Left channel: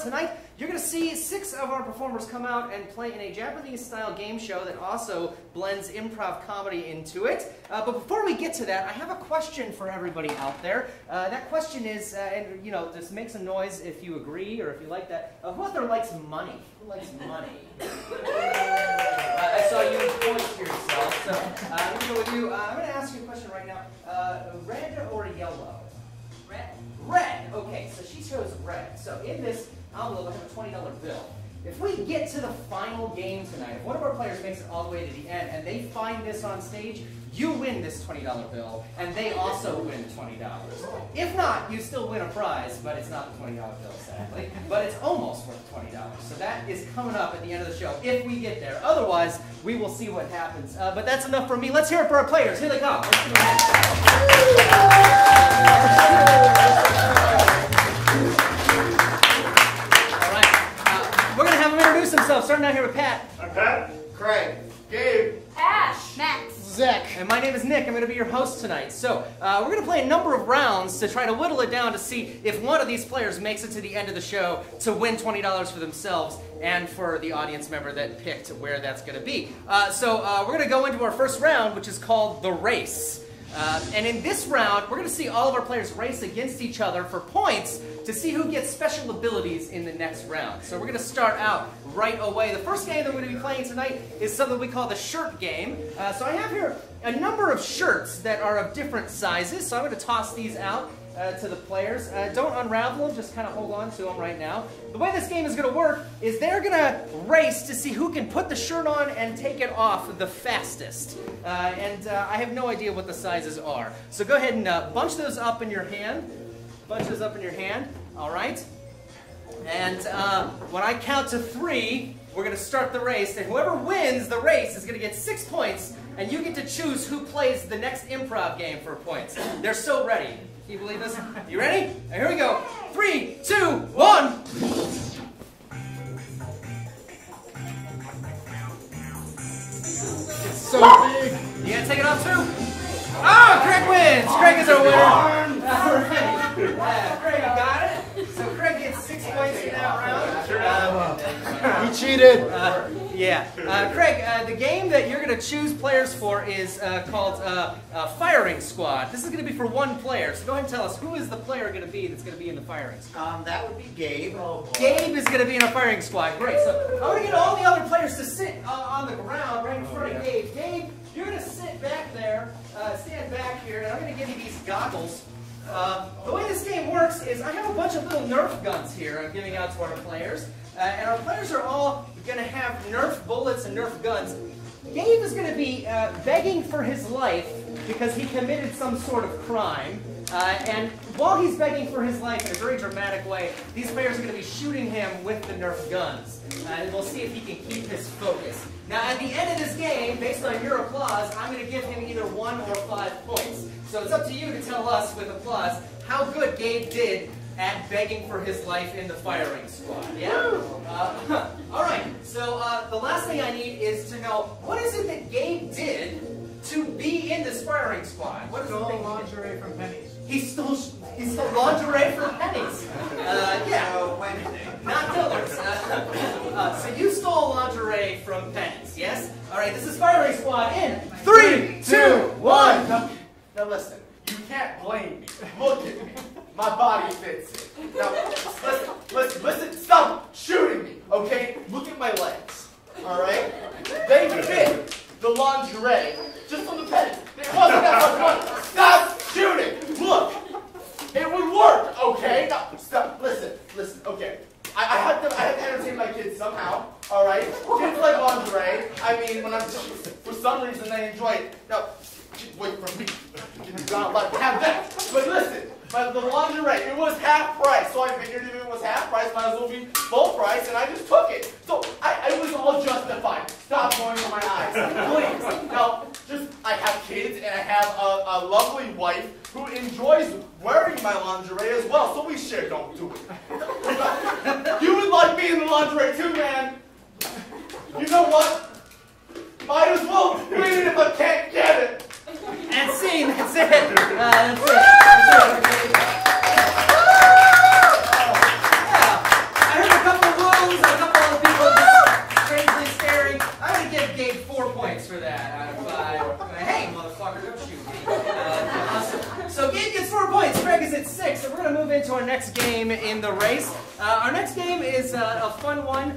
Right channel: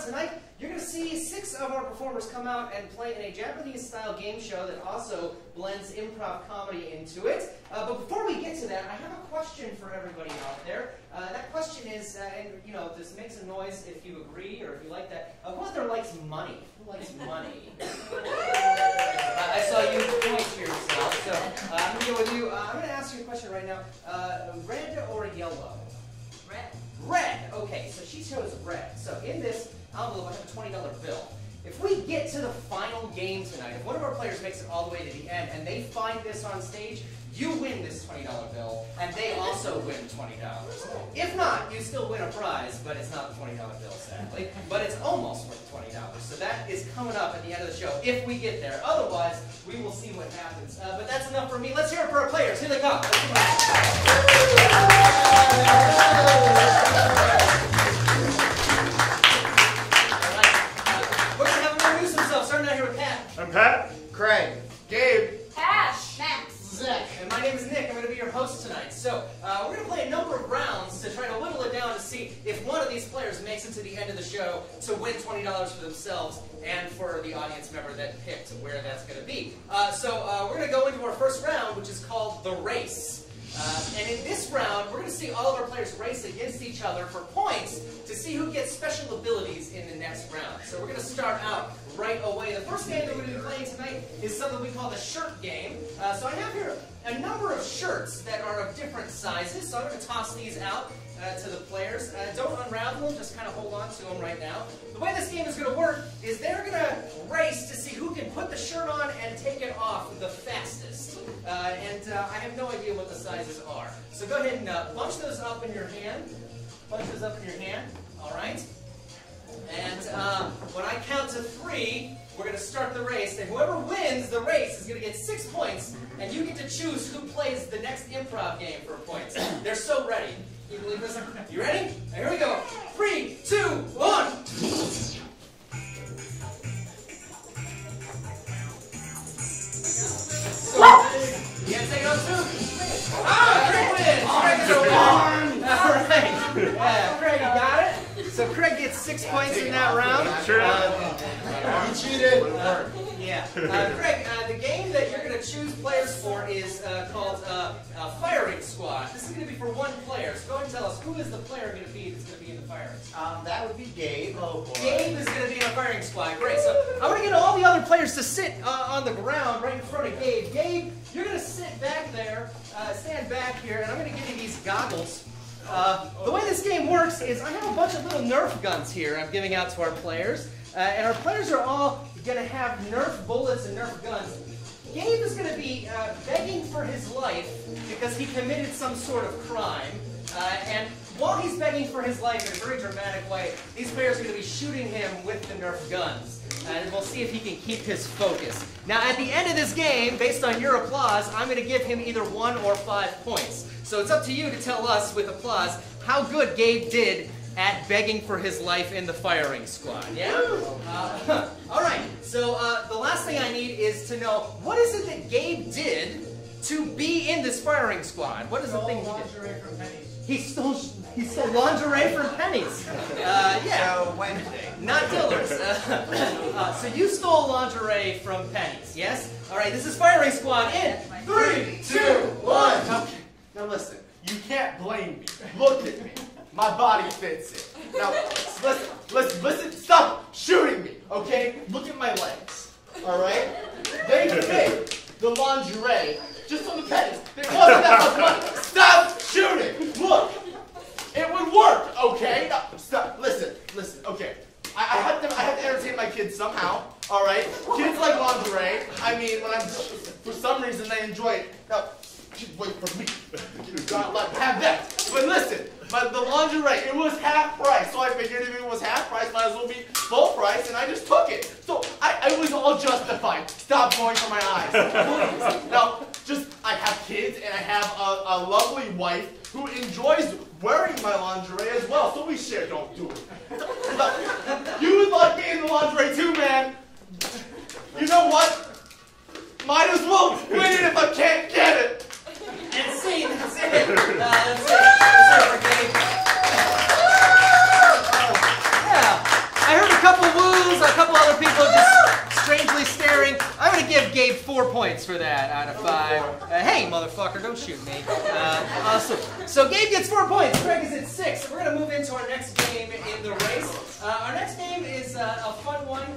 what? Tonight, you're going to see 6 of our performers come out and play in a Japanese-style game show that also blends improv comedy into it. But before we get to that, I have a question for everybody out there. That question is, and you know, just make some noise if you agree or if you like that. Who out there likes money? Who likes money? I saw you point to yourself, so I'm going to go with you. I'm going to ask you a question right now. Red or yellow? Red. Red. Okay, so she chose red. So in this envelope, I have a $20 bill. If we get to the final game tonight, if one of our players makes it all the way to the end and they find this on stage, you win this $20 bill, and they also win $20. If not, you still win a prize, but it's not the $20 bill, sadly. But it's almost worth $20. So that is coming up at the end of the show, if we get there. Otherwise, we will see what happens. But that's enough for me. Let's hear it for our players. Here they go. Himself. Starting out here with Pat. I'm Pat. Craig. Gabe. Ash. Max. Zach. And my name is Nick. I'm going to be your host tonight. So we're going to play a number of rounds to try to whittle it down to see if one of these players makes it to the end of the show to win $20 for themselves and for the audience member that picked where that's going to be. So we're going to go into our first round, which is called the race. And in this round, we're going to see all of our players race against each other for points to see who gets special abilities in the next round. So we're going to start out right away. The first game that we're going to be playing tonight is something we call the shirt game. So I have here a number of shirts that are of different sizes. So I'm going to toss these out to the players. Don't unravel them, just kind of hold on to them right now. The way this game is going to work is they're going to race to see who can put the shirt on and take it off the fastest. I have no idea what the sizes are. So go ahead and bunch those up in your hand. Bunch those up in your hand. All right. And when I count to 3, we're going to start the race. And whoever wins the race is going to get 6 points. And you get to choose who plays the next improv game for points. They're so ready. Can you believe this? You ready? Here we go. 3, 2, 1. So big. You gonna take it off too? Ah, Craig wins! Craig is our winner! Alright. Craig got it. So Craig gets 6 points in that round. He cheated. Yeah. Craig, the game that you're going to choose players for is called Firing Squad. This is going to be for one player. So go ahead and tell us, who is the player going to be that's going to be in the firing squad? That would be Gabe. Oh, boy. Gabe is going to be in a firing squad. Great. So I'm going to get all the other players to sit on the ground right in front of Gabe. Gabe, you're going to sit back there, stand back here, and I'm going to give you these goggles. The way this game works is I have a bunch of little Nerf guns here I'm giving out to our players. And our players are all going to have Nerf bullets and Nerf guns. Gabe is going to be begging for his life because he committed some sort of crime. And while he's begging for his life in a very dramatic way, these players are going to be shooting him with the Nerf guns. And we'll see if he can keep his focus. Now, at the end of this game, based on your applause, I'm going to give him either 1 or 5 points. So it's up to you to tell us with applause how good Gabe did at begging for his life in the firing squad. Yeah? All right. So the last thing I need is to know, what is it that Gabe did to be in this firing squad? What is the thing? Lingerie from Penny's. He stole lingerie from Penny's. Yeah. Wednesday. Not Dillard's. So you stole lingerie from Penny's, yes? All right. This is firing squad in 3, 2, 1. Now listen, you can't blame me. Look at me. My body fits it. Now, listen, stop shooting me, okay? Look at my legs, all right? They fit the lingerie just on the pennies. It wasn't that much money. Stop shooting. Look, it would work, okay? Now, stop. Listen, okay. I have to entertain my kids somehow, all right? Kids like lingerie. I mean, for some reason, they enjoy it. Now, wait for me. God, let have that. But listen. The lingerie, it was half price, so I figured if it was half price, might as well be full price, and I just took it. So I was all justified. Stop going for my eyes, please. Now, I have kids, and I have a lovely wife who enjoys wearing my lingerie as well, so we share. Don't do it. You would like me in the lingerie too, man. You know what? Might as well win it if I can't get it. And scene, that's it. That's it. Yeah. I heard for that out of 5. Hey, motherfucker, don't shoot me. So Gabe gets 4 points. Craig is at 6. And we're going to move into our next game in the race. Our next game is a fun one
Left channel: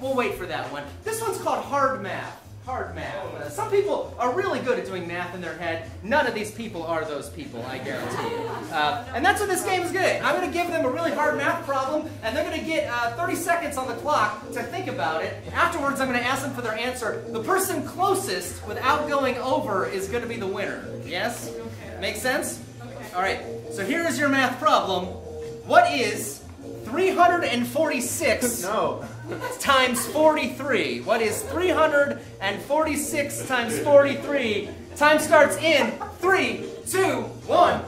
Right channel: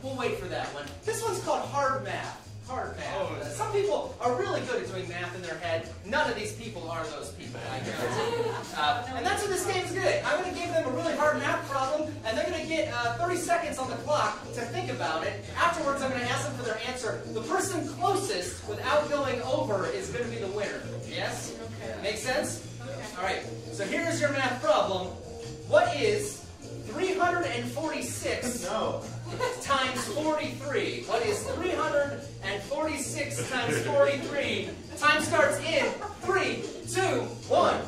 we'll wait for that one. This one's called Hard Math. Hard math. Some people are really good at doing math in their head. None of these people are those people, I guarantee you. And that's what this game is good. I'm going to give them a really hard math problem, and they're going to get 30 seconds on the clock to think about it. Afterwards, I'm going to ask them for their answer. The person closest, without going over, is going to be the winner. Yes? Make sense? All right. So here is your math problem. What is 346 times 43? What is 346 times 43? Time starts in 3, 2, 1.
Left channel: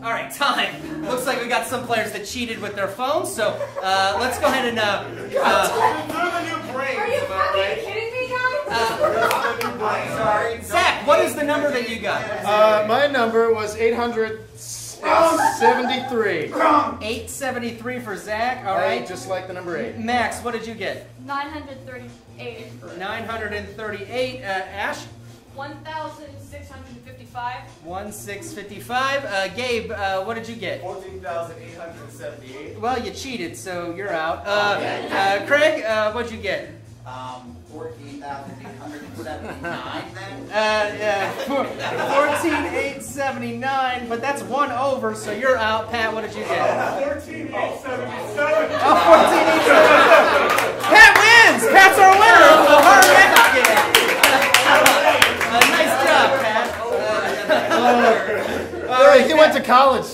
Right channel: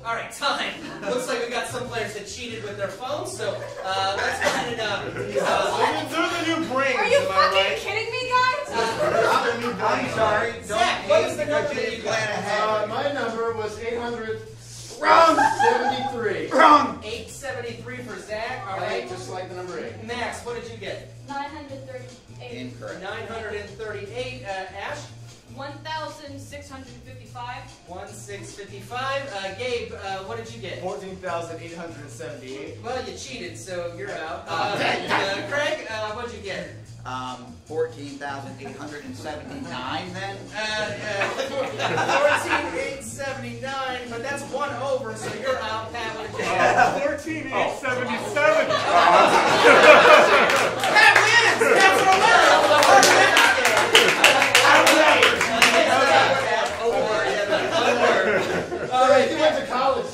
All right, time. Looks like we got some players that cheated with their phones, so let's go ahead and... they're the new brains, Are you fucking kidding me, guys? I'm sorry. Zach, what is the number that you got? My number was 873. 873 for Zach, all right. Just like the number 8. Max, what did you get? 938. 938. Ash? 1,655. 1,655. Gabe, what did you get? 14,878. Well, you cheated, so you're out. Craig, what'd you get? 14,879 then? 14,879, but that's 1 over, so you're out. Pat, what did you get? 14,877. Oh, 14,877. Pat wins! Pat's our winner of the hard math game. Nice job, Pat. He went to college.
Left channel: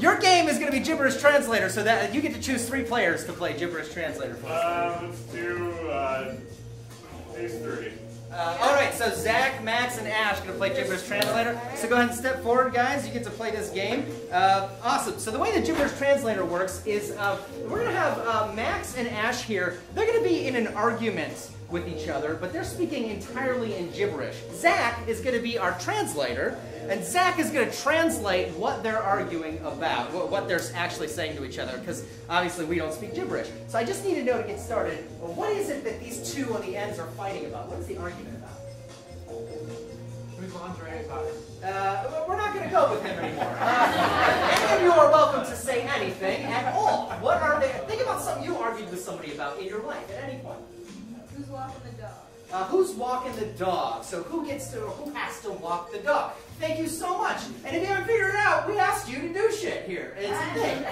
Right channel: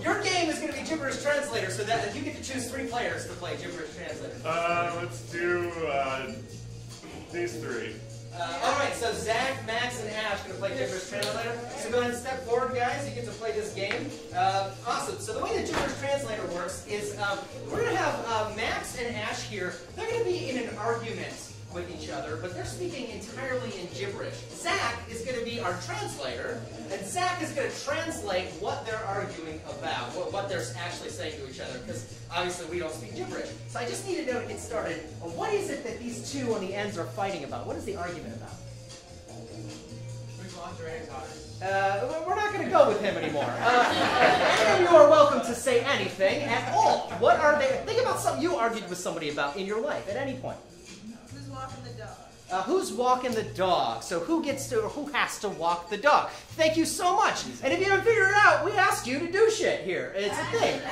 Your game is going to be Gibberish Translator, so that you get to choose 3 players to play Gibberish Translator. Let's do these 3. All right, so Zach, Max, and Ash are going to play Gibberish Translator. So go ahead and step forward, guys. You get to play this game. Awesome. So the way the Gibberish Translator works is we're going to have Max and Ash here. They're going to be in an argument with each other, but they're speaking entirely in gibberish. Zach is going to be our translator, and Zach is going to translate what they're arguing about, what they're actually saying to each other, because obviously we don't speak gibberish. So I just need to know to get started, what is it that these two on the ends are fighting about? What is the argument about? We're not going to go with him anymore. Any of you are welcome to say anything at all. What are they? Think about something you argued with somebody about in your life at any point. Who's walking the dog? Who's walking the dog? So who gets to, or who has to walk the dog? Thank you so much. And if you haven't figured it out, we asked you to do shit here. It's a thing.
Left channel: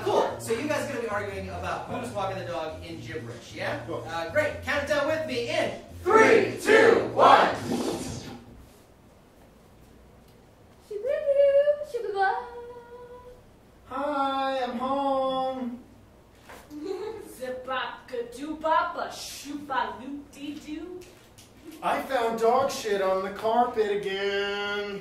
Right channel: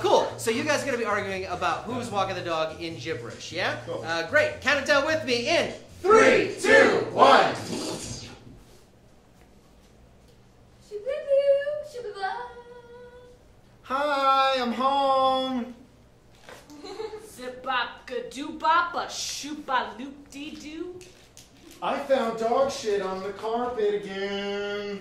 Cool. So you guys are going to be arguing about who's walking the dog in gibberish, yeah? Cool. Great. Count it down with me in 3, 2, 1. Hi, I'm home. Zibaka-doo-bapa-shooba-loop-dee-doo. I found dog shit on the carpet again.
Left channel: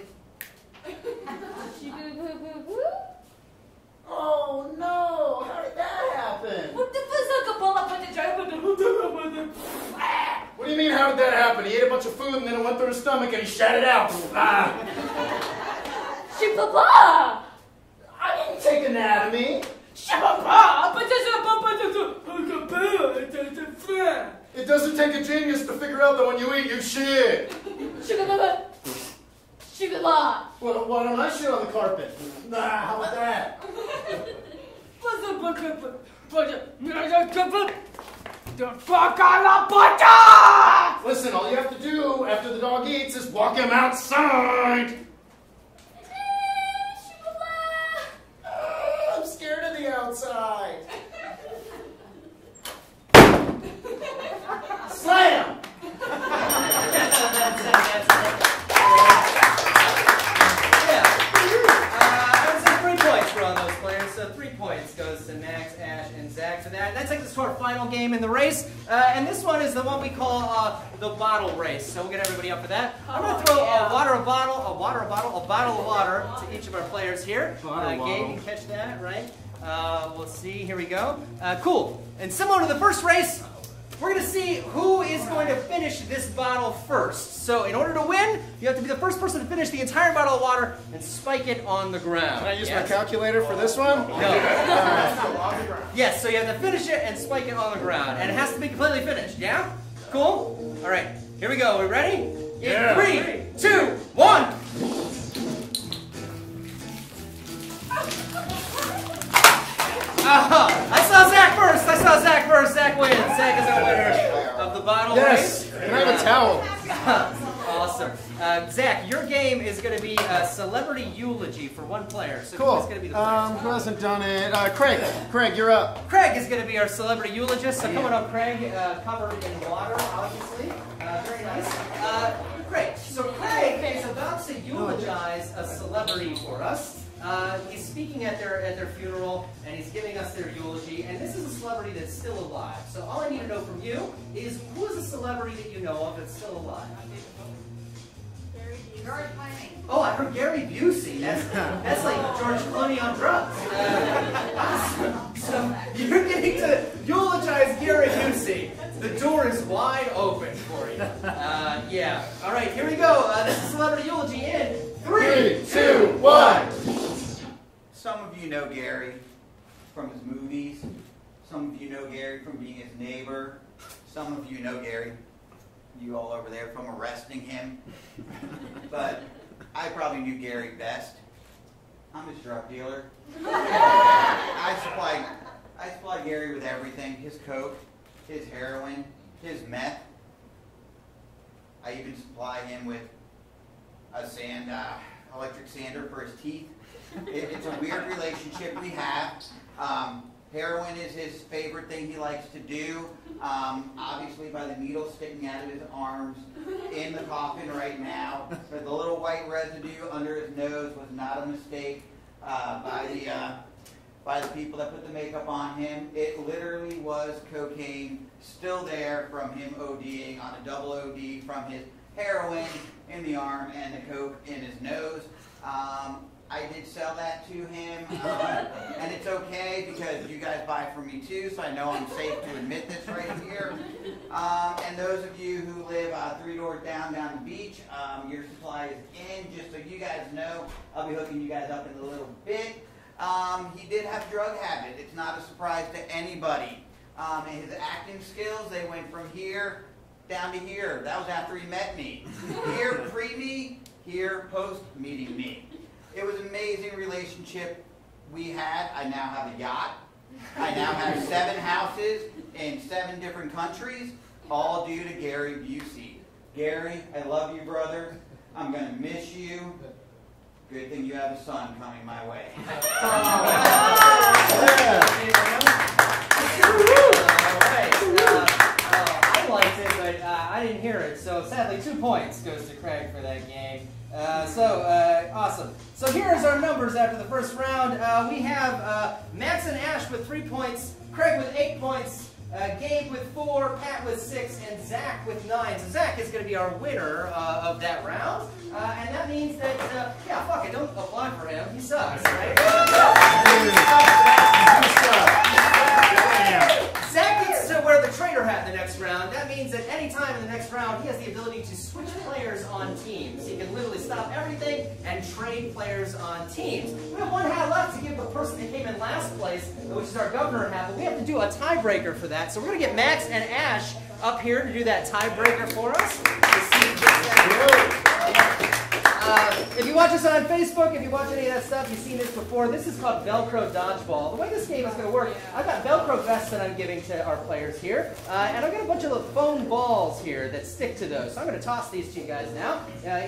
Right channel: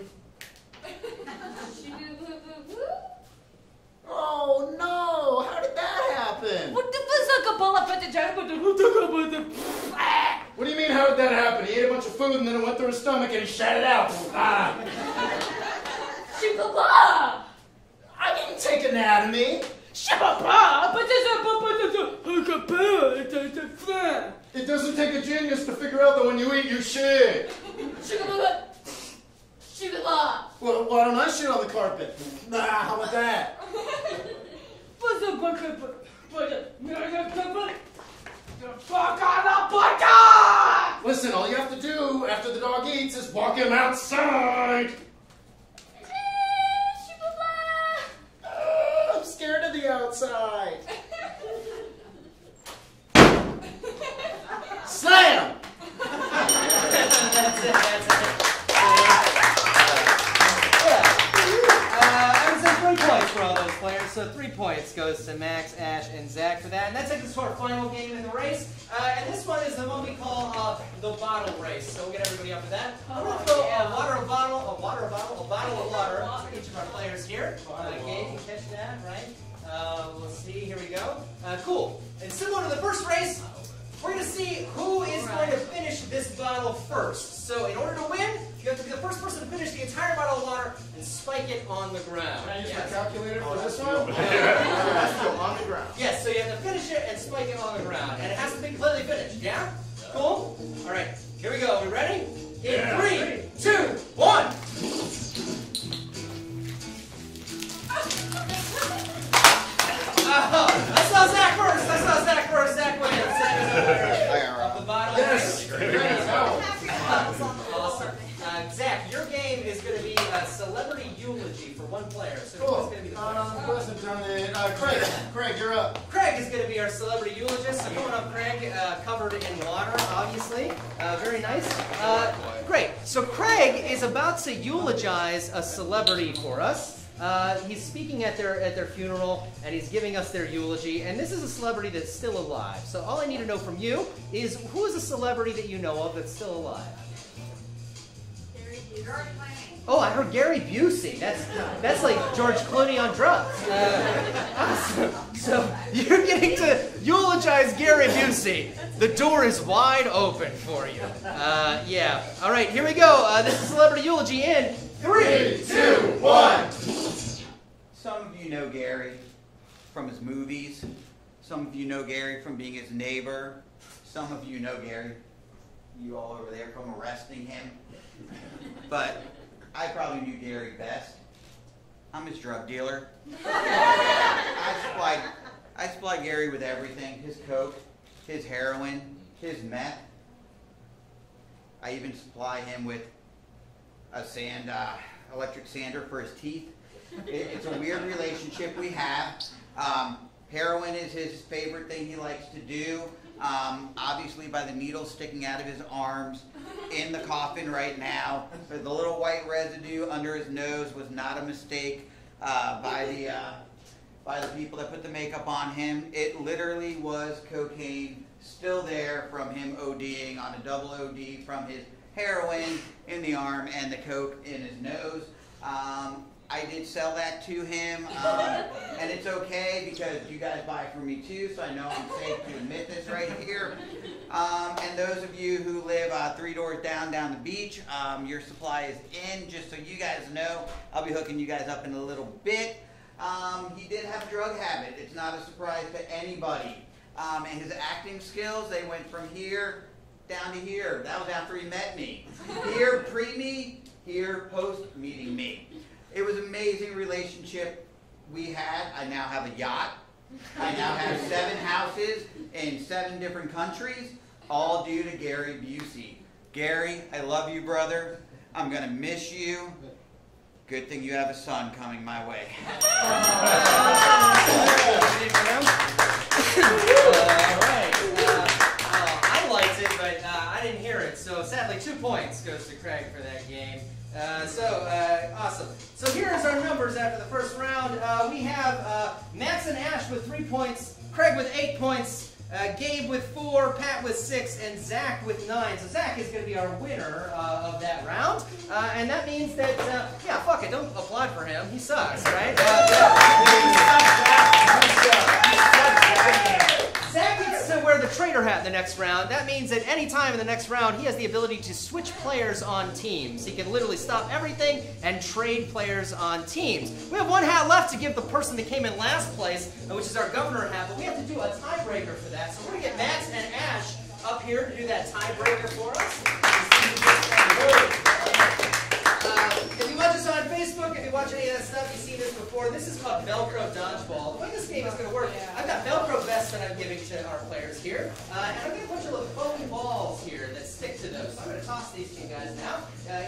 Oh no! How did that happen? What What do you mean, how did that happen? He ate a bunch of food and then it went through his stomach and he shat it out. Shibaba! I didn't take anatomy. Shibaba! It doesn't take a genius to figure out that when you eat, you shit. Shibaba! Shibaba! Well, why don't I shit on the carpet? Nah, how about that? Listen, all you have to do after the dog eats is walk him outside. I'm scared of the outside. Slam! That's it. I would say 3 points for all those players. So 3 points goes to Max, Ash, and Zach for that. And that takes us to our final game in the race. And this one is the one we call the bottle race. So we'll get everybody up for that. I'm going to throw a bottle of water to each of our players here. Gabe, you can catch that, right? We'll see. Here we go. Cool. And similar to the first race, we're going to see who is going to finish this bottle first. So in order to win, you have to be the first person to finish the entire bottle of water and spike it on the ground. Can I use my calculator for this one? No. On the ground. Yes, so you have to finish it and spike it on the ground. And it has to be completely finished, yeah? Cool? All right, here we go. We ready? In 3, 2, 1. I saw Zach first. Zach wins. Zach is the winner of the bottle. Yes. Can I have a towel? Awesome. Zach, your game is going to be a celebrity eulogy for one player. So Cool. who's going to be the player? Who hasn't done it? Craig. Craig, you're up. Craig is going to be our celebrity eulogist. So come on up, Craig. Covered in water, obviously. Very nice. Great. So Craig is about to eulogize a celebrity for us. He's speaking at their funeral, and he's giving us their eulogy. And this is a celebrity that's still alive. So all I need to know from you is, who is a celebrity that you know of that's still alive? Oh, I heard Gary Busey. That's like George Clooney on drugs. So you're getting to eulogize Gary Busey. The door is wide open for you. Yeah. All right, here we go. This is celebrity eulogy in 3, 2, 1. Some of you know Gary from his movies. Some of you know Gary from being his neighbor. Some of you know Gary, you all over there, from arresting him. But I probably knew Gary best. I'm his drug dealer. I supply Gary with everything: his coke, his heroin, his meth. I even supply him with a electric sander for his teeth. It's a weird relationship we have. Heroin is his favorite thing he likes to do. Obviously, by the needle sticking out of his arms in the coffin right now. So the little white residue under his nose was not a mistake by the people that put the makeup on him. It literally was cocaine still there from him ODing on a double OD from his heroin in the arm and the coke in his nose. I did sell that to him, and it's okay because you guys buy it from me too, so I know I'm safe to admit this right here. And those of you who live 3 doors down the beach, your supply is in. Just so you guys know, I'll be hooking you guys up in a little bit. He did have a drug habit. It's not a surprise to anybody. And his acting skills, they went from here down to here. That was after he met me. Here pre-me, here post-meeting me. It was an amazing relationship we had. I now have a yacht. I now have 7 houses in 7 different countries, all due to Gary Busey. Gary, I love you, brother. I'm going to miss you. Good thing you have a son coming my way. All right. I liked it, but I didn't hear it. So sadly, 2 points goes to Craig for that game. Awesome. So here is our numbers after the first round. We have Max and Ash with 3 points, Craig with 8 points, Gabe with 4, Pat with 6, and Zach with 9. So Zach is going to be our winner of that round. And that means that, yeah, fuck it, don't apply for him. He sucks, right? Zach gets to wear the traitor hat in the next round. That means at any time in the next round, he has the ability to switch players on teams. He can literally stop everything and trade players on teams. We have 1 hat left to give the person that came in last place, which is our governor hat, but we have to do a tiebreaker for that. So we're going to get Max and Ash up here to do that tiebreaker for us. If you watch us on Facebook, if you watch any of that stuff, you've seen this before. This is called Velcro Dodgeball. The way this game is going to work, I've got Velcro vests that I'm giving to our players here, and I've got a bunch of foam balls here that stick to those. So I'm going to toss these to you guys now.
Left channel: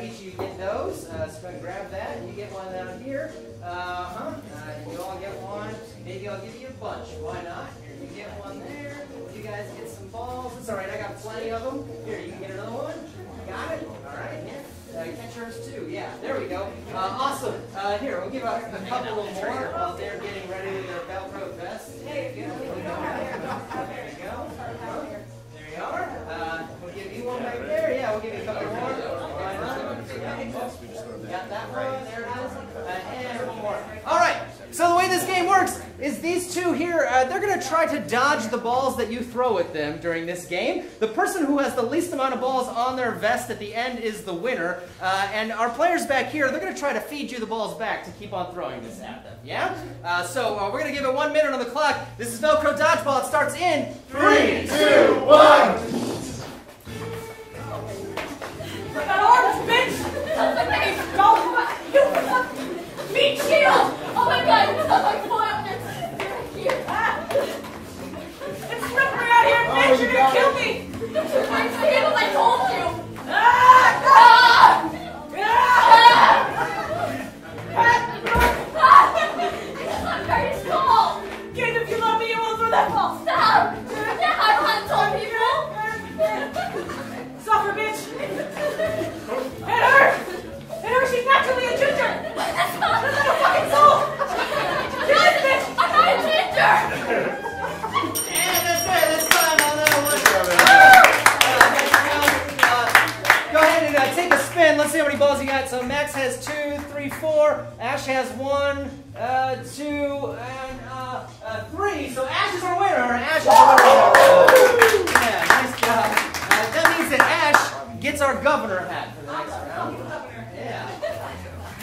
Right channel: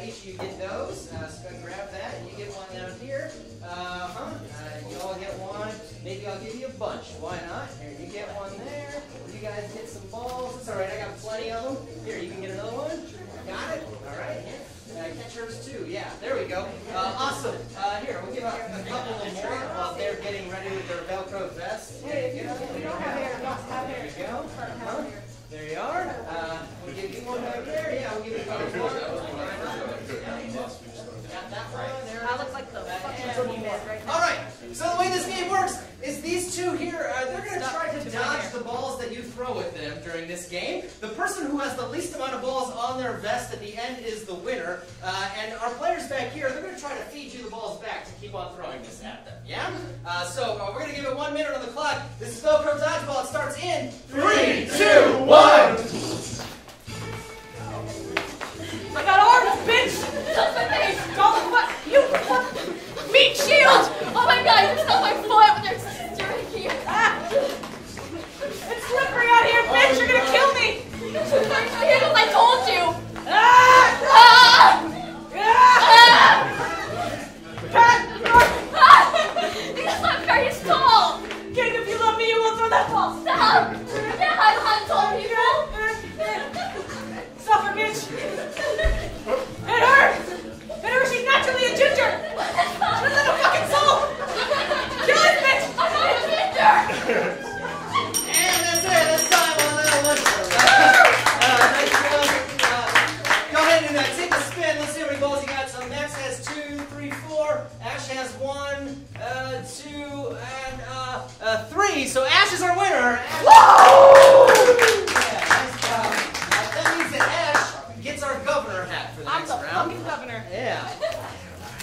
Each of you get those. So grab that, and you get one down here. You all get one. Maybe I'll give you a bunch. Why not? Here, you get one there. You guys get some balls. It's all right. I got plenty of them. Here, you can get another one. Got it? All right. Yeah. Catch yours too. Yeah, there we go. Awesome. Here, we'll give out a couple of more while they're getting ready with their Velcro vests. There you go. There you go. There you are. We'll give you one back there. Yeah, we'll give you a couple more. Got that one. There we go. And one more. All right. So the way this game works is these two here, they're going to try to dodge the balls that you throw at them during this game. The person who has the least amount of balls on their vest at the end is the winner. And our players back here, they're going to try to feed you the balls back to keep on throwing this at them. Yeah? So we're going to give it 1 minute on the clock. This is Velcro Dodgeball. It starts in 3, 2, 1. I got arms, bitch! You meat shield! Oh my god, you stole my foot! There's here. It's slippery out here, bitch! You're gonna kill me! I told you! Are you stalled? Kid, if you love me, you won't throw that ball! Stop! Dad, I don't told people! Suffer, bitch! It hurts! It hurts! She's naturally a ginger! She's a little fucking soul! Kill it, bitch! I'm not a ginger! And that's it. That's time on that one. Go ahead and take a spin. Let's see how many balls you got. So Max has 2, 3, 4. Ash has 1, 2, and 3. So Ash is our winner. Ash is our winner. Yeah, nice job. That means that Ash gets our governor hat for the next round. I'm the governor. Yeah.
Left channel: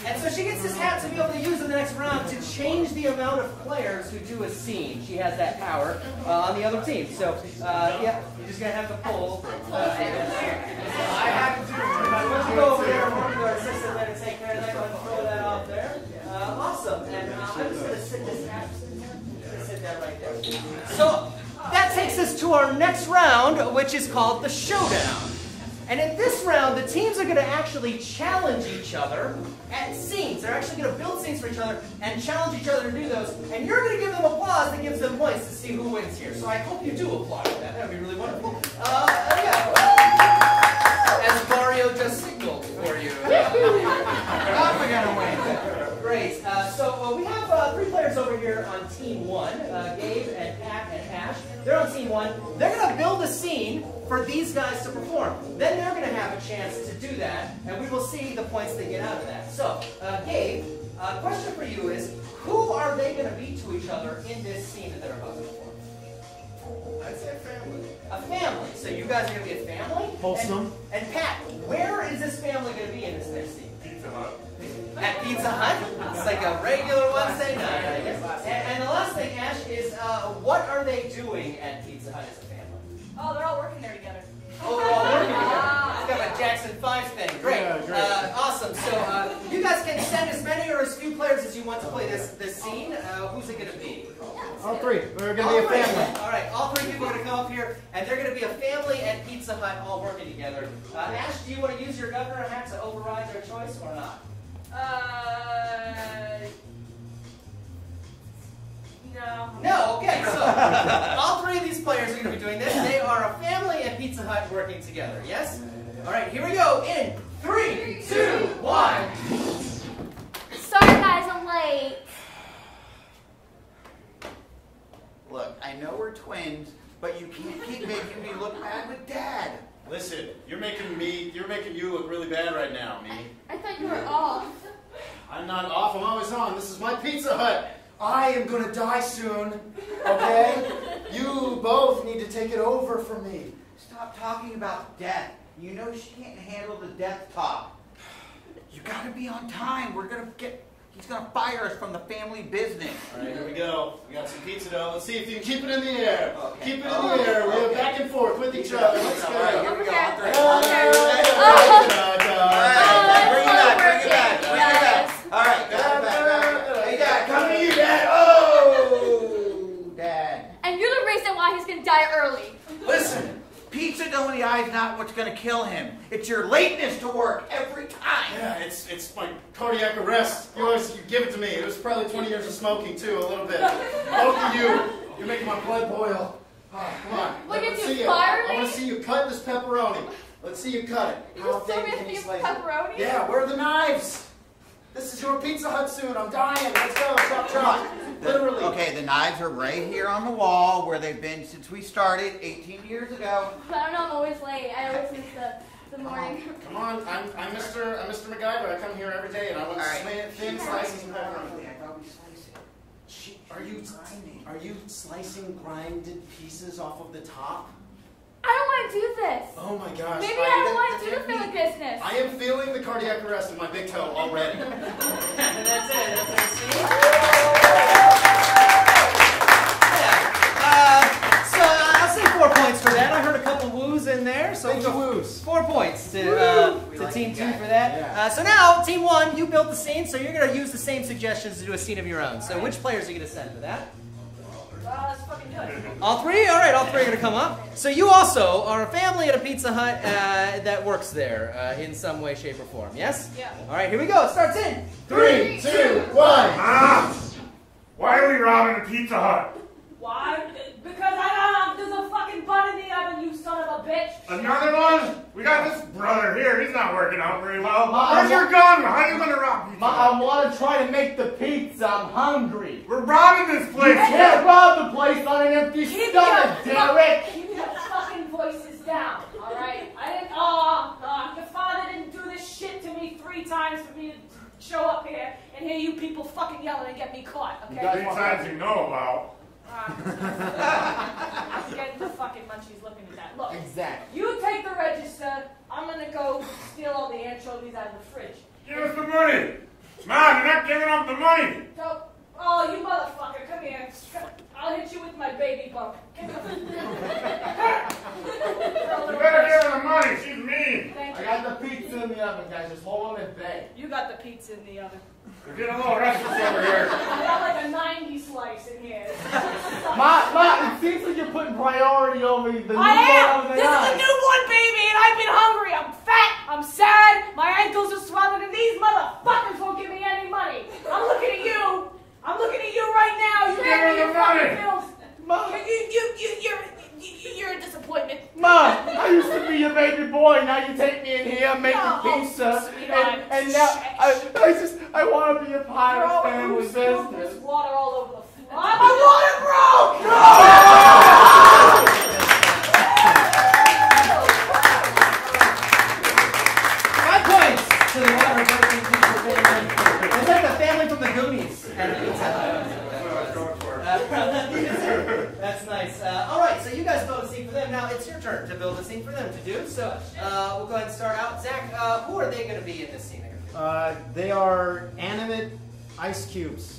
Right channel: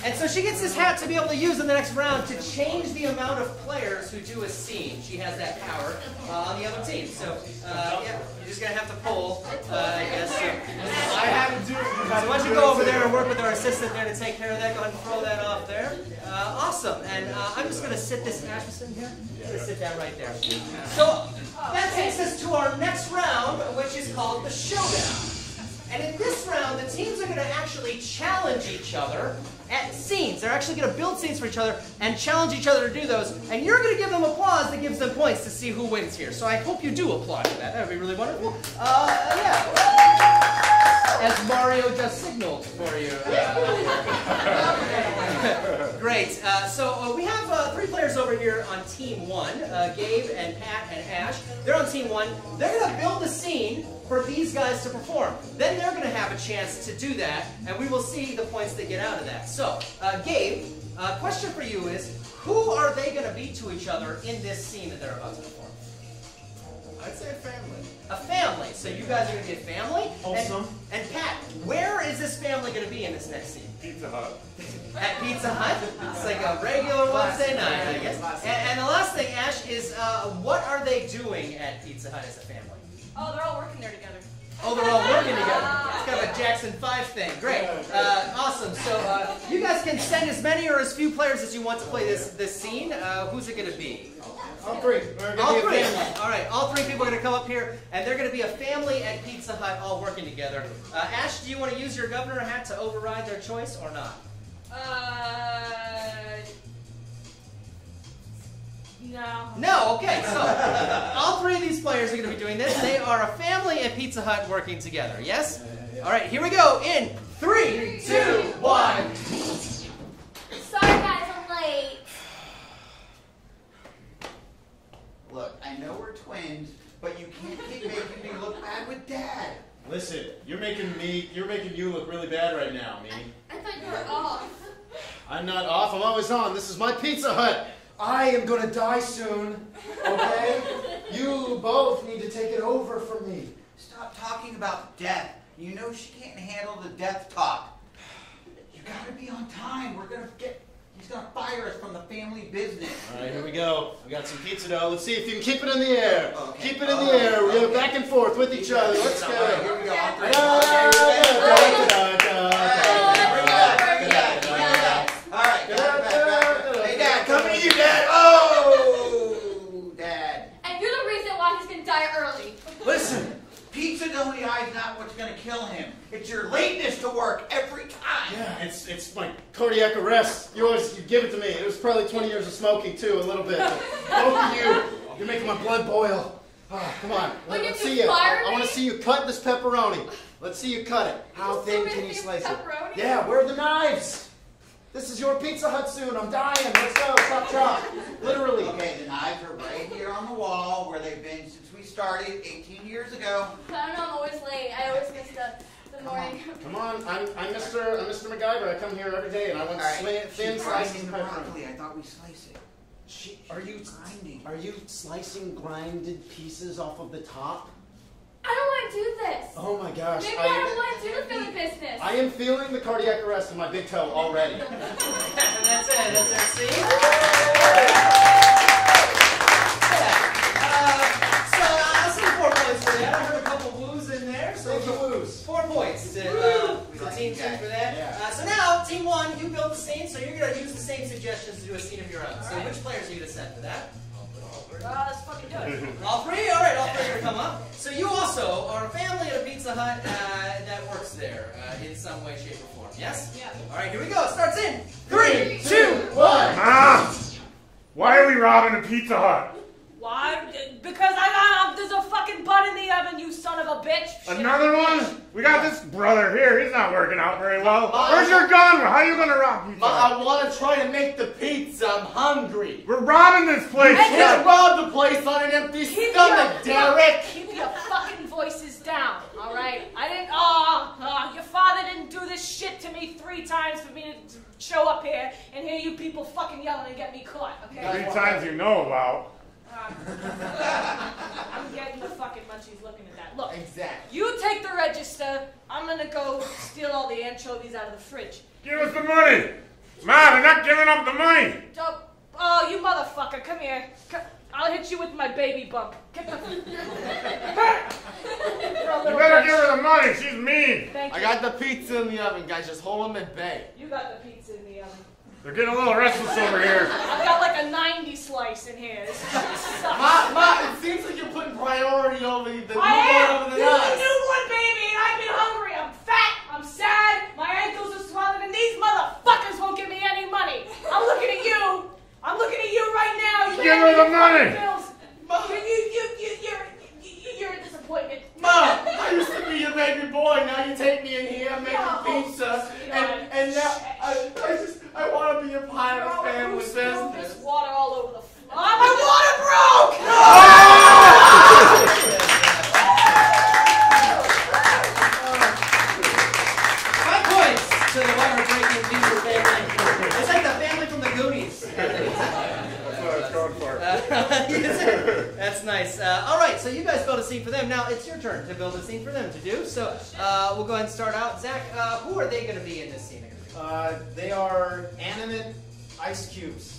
And so she gets this hat to be able to use in the next round to change the amount of players who do a scene. She has that power on the other team. So, yeah, you're just going to have to pull, I guess. I have to do it. So why don't you go over there and work with our assistant there to take care of that. Go ahead and throw that off there. Awesome. And I'm just going to sit this Ash in there. I'm going to sit that right there. So that takes us to our next round, which is called the Showdown. And in this round, the teams are going to actually challenge each other at scenes. They're actually going to build scenes for each other and challenge each other to do those. And you're going to give them applause that gives them points to see who wins here. So I hope you do applaud for that. That would be really wonderful. Yeah. As Mario just signaled for you. We're going to win. Great. So we have 3 players over here on Team 1. Gabe and Pat and Ash. They're on Team 1. They're going to build a scene for these guys to perform. Then they're going to have a chance to do that, and we will see the points they get out of that. So, Gabe, question for you is, who are they going to be to each other in this scene that they're about to perform? I'd say a family. A family. So you guys are going to be a family? Wholesome. And Pat, where is this family going to be in this next scene? Pizza Hut. At Pizza Hut? It's like a regular Wednesday night, I guess. And the last thing, Ash, is what are they doing at Pizza Hut as a family? Oh, they're all working there together. Oh, they're all working together. It's kind of a Jackson 5 thing. Great. Yeah, great. Awesome. So you guys can send as many or as few players as you want to play this scene. Who's it going to be? All 3. We're All going to be a 3. family. All right. All 3 people are going to come up here, and they're going to be a family at Pizza Hut all working together. Ash, do you want to use your governor hat to override their choice or not? No. No, okay, so all 3 of these players are going to be doing this. They are a family at Pizza Hut working together, yes? All right, here we go in 3, 2, 1. Sorry guys, I'm late. Look, I know we're twins, but you can't keep making me look bad with Dad. Listen, you're making you look really bad right now, Mimi. I thought you were off. I'm not off, I'm always on. This is my Pizza Hut. I am gonna die soon, okay? You both need to take it over from me. Stop talking about death. You know she can't handle the death talk. You gotta be on time. He's gonna fire us from the family business. All right, here we go. We got some pizza dough. Let's see if you can keep it in the air. Okay. Keep it in the air. We're going back and forth with each other. Let's go. All right, here we go. On 3. Bring Bring it back. All right, back. Hey, Dad, coming to you, Dad. Oh, Dad. And you're the reason why he's gonna die early. Listen, pizza dough in the eye is not what's going to kill him. It's your lateness to work every time. Yeah, it's my cardiac arrest. You give it to me. It was probably 20 years of smoking, too, a little bit. Both of you, you're making my blood boil. Oh, come on. When Let's you see you. fire I want me? to see you cut this pepperoni. Let's see you cut it. How You still thin gonna can you do slice pepperoni? it? Yeah, where are the knives? This is your Pizza Hut soon. I'm dying. Let's go. Chop, chop. Literally. Okay, the knives are right here on the wall where they've been since we started 18 years ago. I don't know, I'm always late. I always miss the morning. Come on. I'm Mr. MacGyver. I come here every day, and I want All right. thin She's slices grinding of the pepperoni. broccoli. I thought we sliced it. Are you grinding? you slicing grinded pieces off of the top? I don't want to do this. Oh my gosh. Maybe I don't want to do the Philly business. I am feeling the cardiac arrest in my big toe already. That's it. See? So I'll say 4 points for that. I heard a couple woos in there, so we'll go woos. 4 points to like Team you 2 guys. for that. Yeah. So now, Team 1, you built the scene, so you're going to use the same suggestions to do a scene of your own. So which players are you going to send for that? Let's fucking do it. All three? All right, all three are going to come up. So you also are a family at a Pizza Hut that works there in some way, shape, or form, yes? Yeah. All right, here we go. It starts in 3, 2, 1. Mom! Why are we robbing a Pizza Hut? Why? Because there's a fucking bun in the oven, you son of a bitch. Another one? We got this brother here. He's not working out very well. Where's your gun? How are you going to rob Pizza Hut? I want to try to make the pizza. I'm hungry. We're robbing this place. You can't rob the place on an empty stomach, Derek. Keep your fucking voices down, all right? Your father didn't do this shit to me 3 times for me to show up here and hear you people fucking yelling and get me caught, okay? 3 times you know about. I'm getting the fucking munchies looking at that. Look, Exactly. you take the register. I'm gonna go steal all the anchovies out of the fridge. Give us the money. Mom, you're not giving up the money. Oh, you motherfucker, come here. I'll hit you with my baby bump. You better give her the money. She's mean. Thank I you. got the pizza in the oven, guys. Just hold them at bay. You got the pizza in the oven. We're getting a little restless over here. I got like a 90 slice in here. This shit sucks. Ma, it seems like you're putting priority over the I am! over This the is a us. newborn baby and I've been hungry. I'm fat. I'm sad. My ankles are swollen and these motherfuckers won't give me any money. I'm looking at you. I'm looking at you right now. You Give her the money. You're a disappointment. Ma, I used to be your baby boy. Now you take me in here, make Oh, the pizza, sweetheart. and now I want to be a part of family Who spilled business. this water all over the floor? My water broke! Five points to the water breaking pizza family. It's like the family from the Goonies. That's nice. All right, so you guys built a scene for them. Now it's your turn to build a scene for them to do. So we'll go ahead and start out. Zach, who are they going to be in this scene? They are animate ice cubes.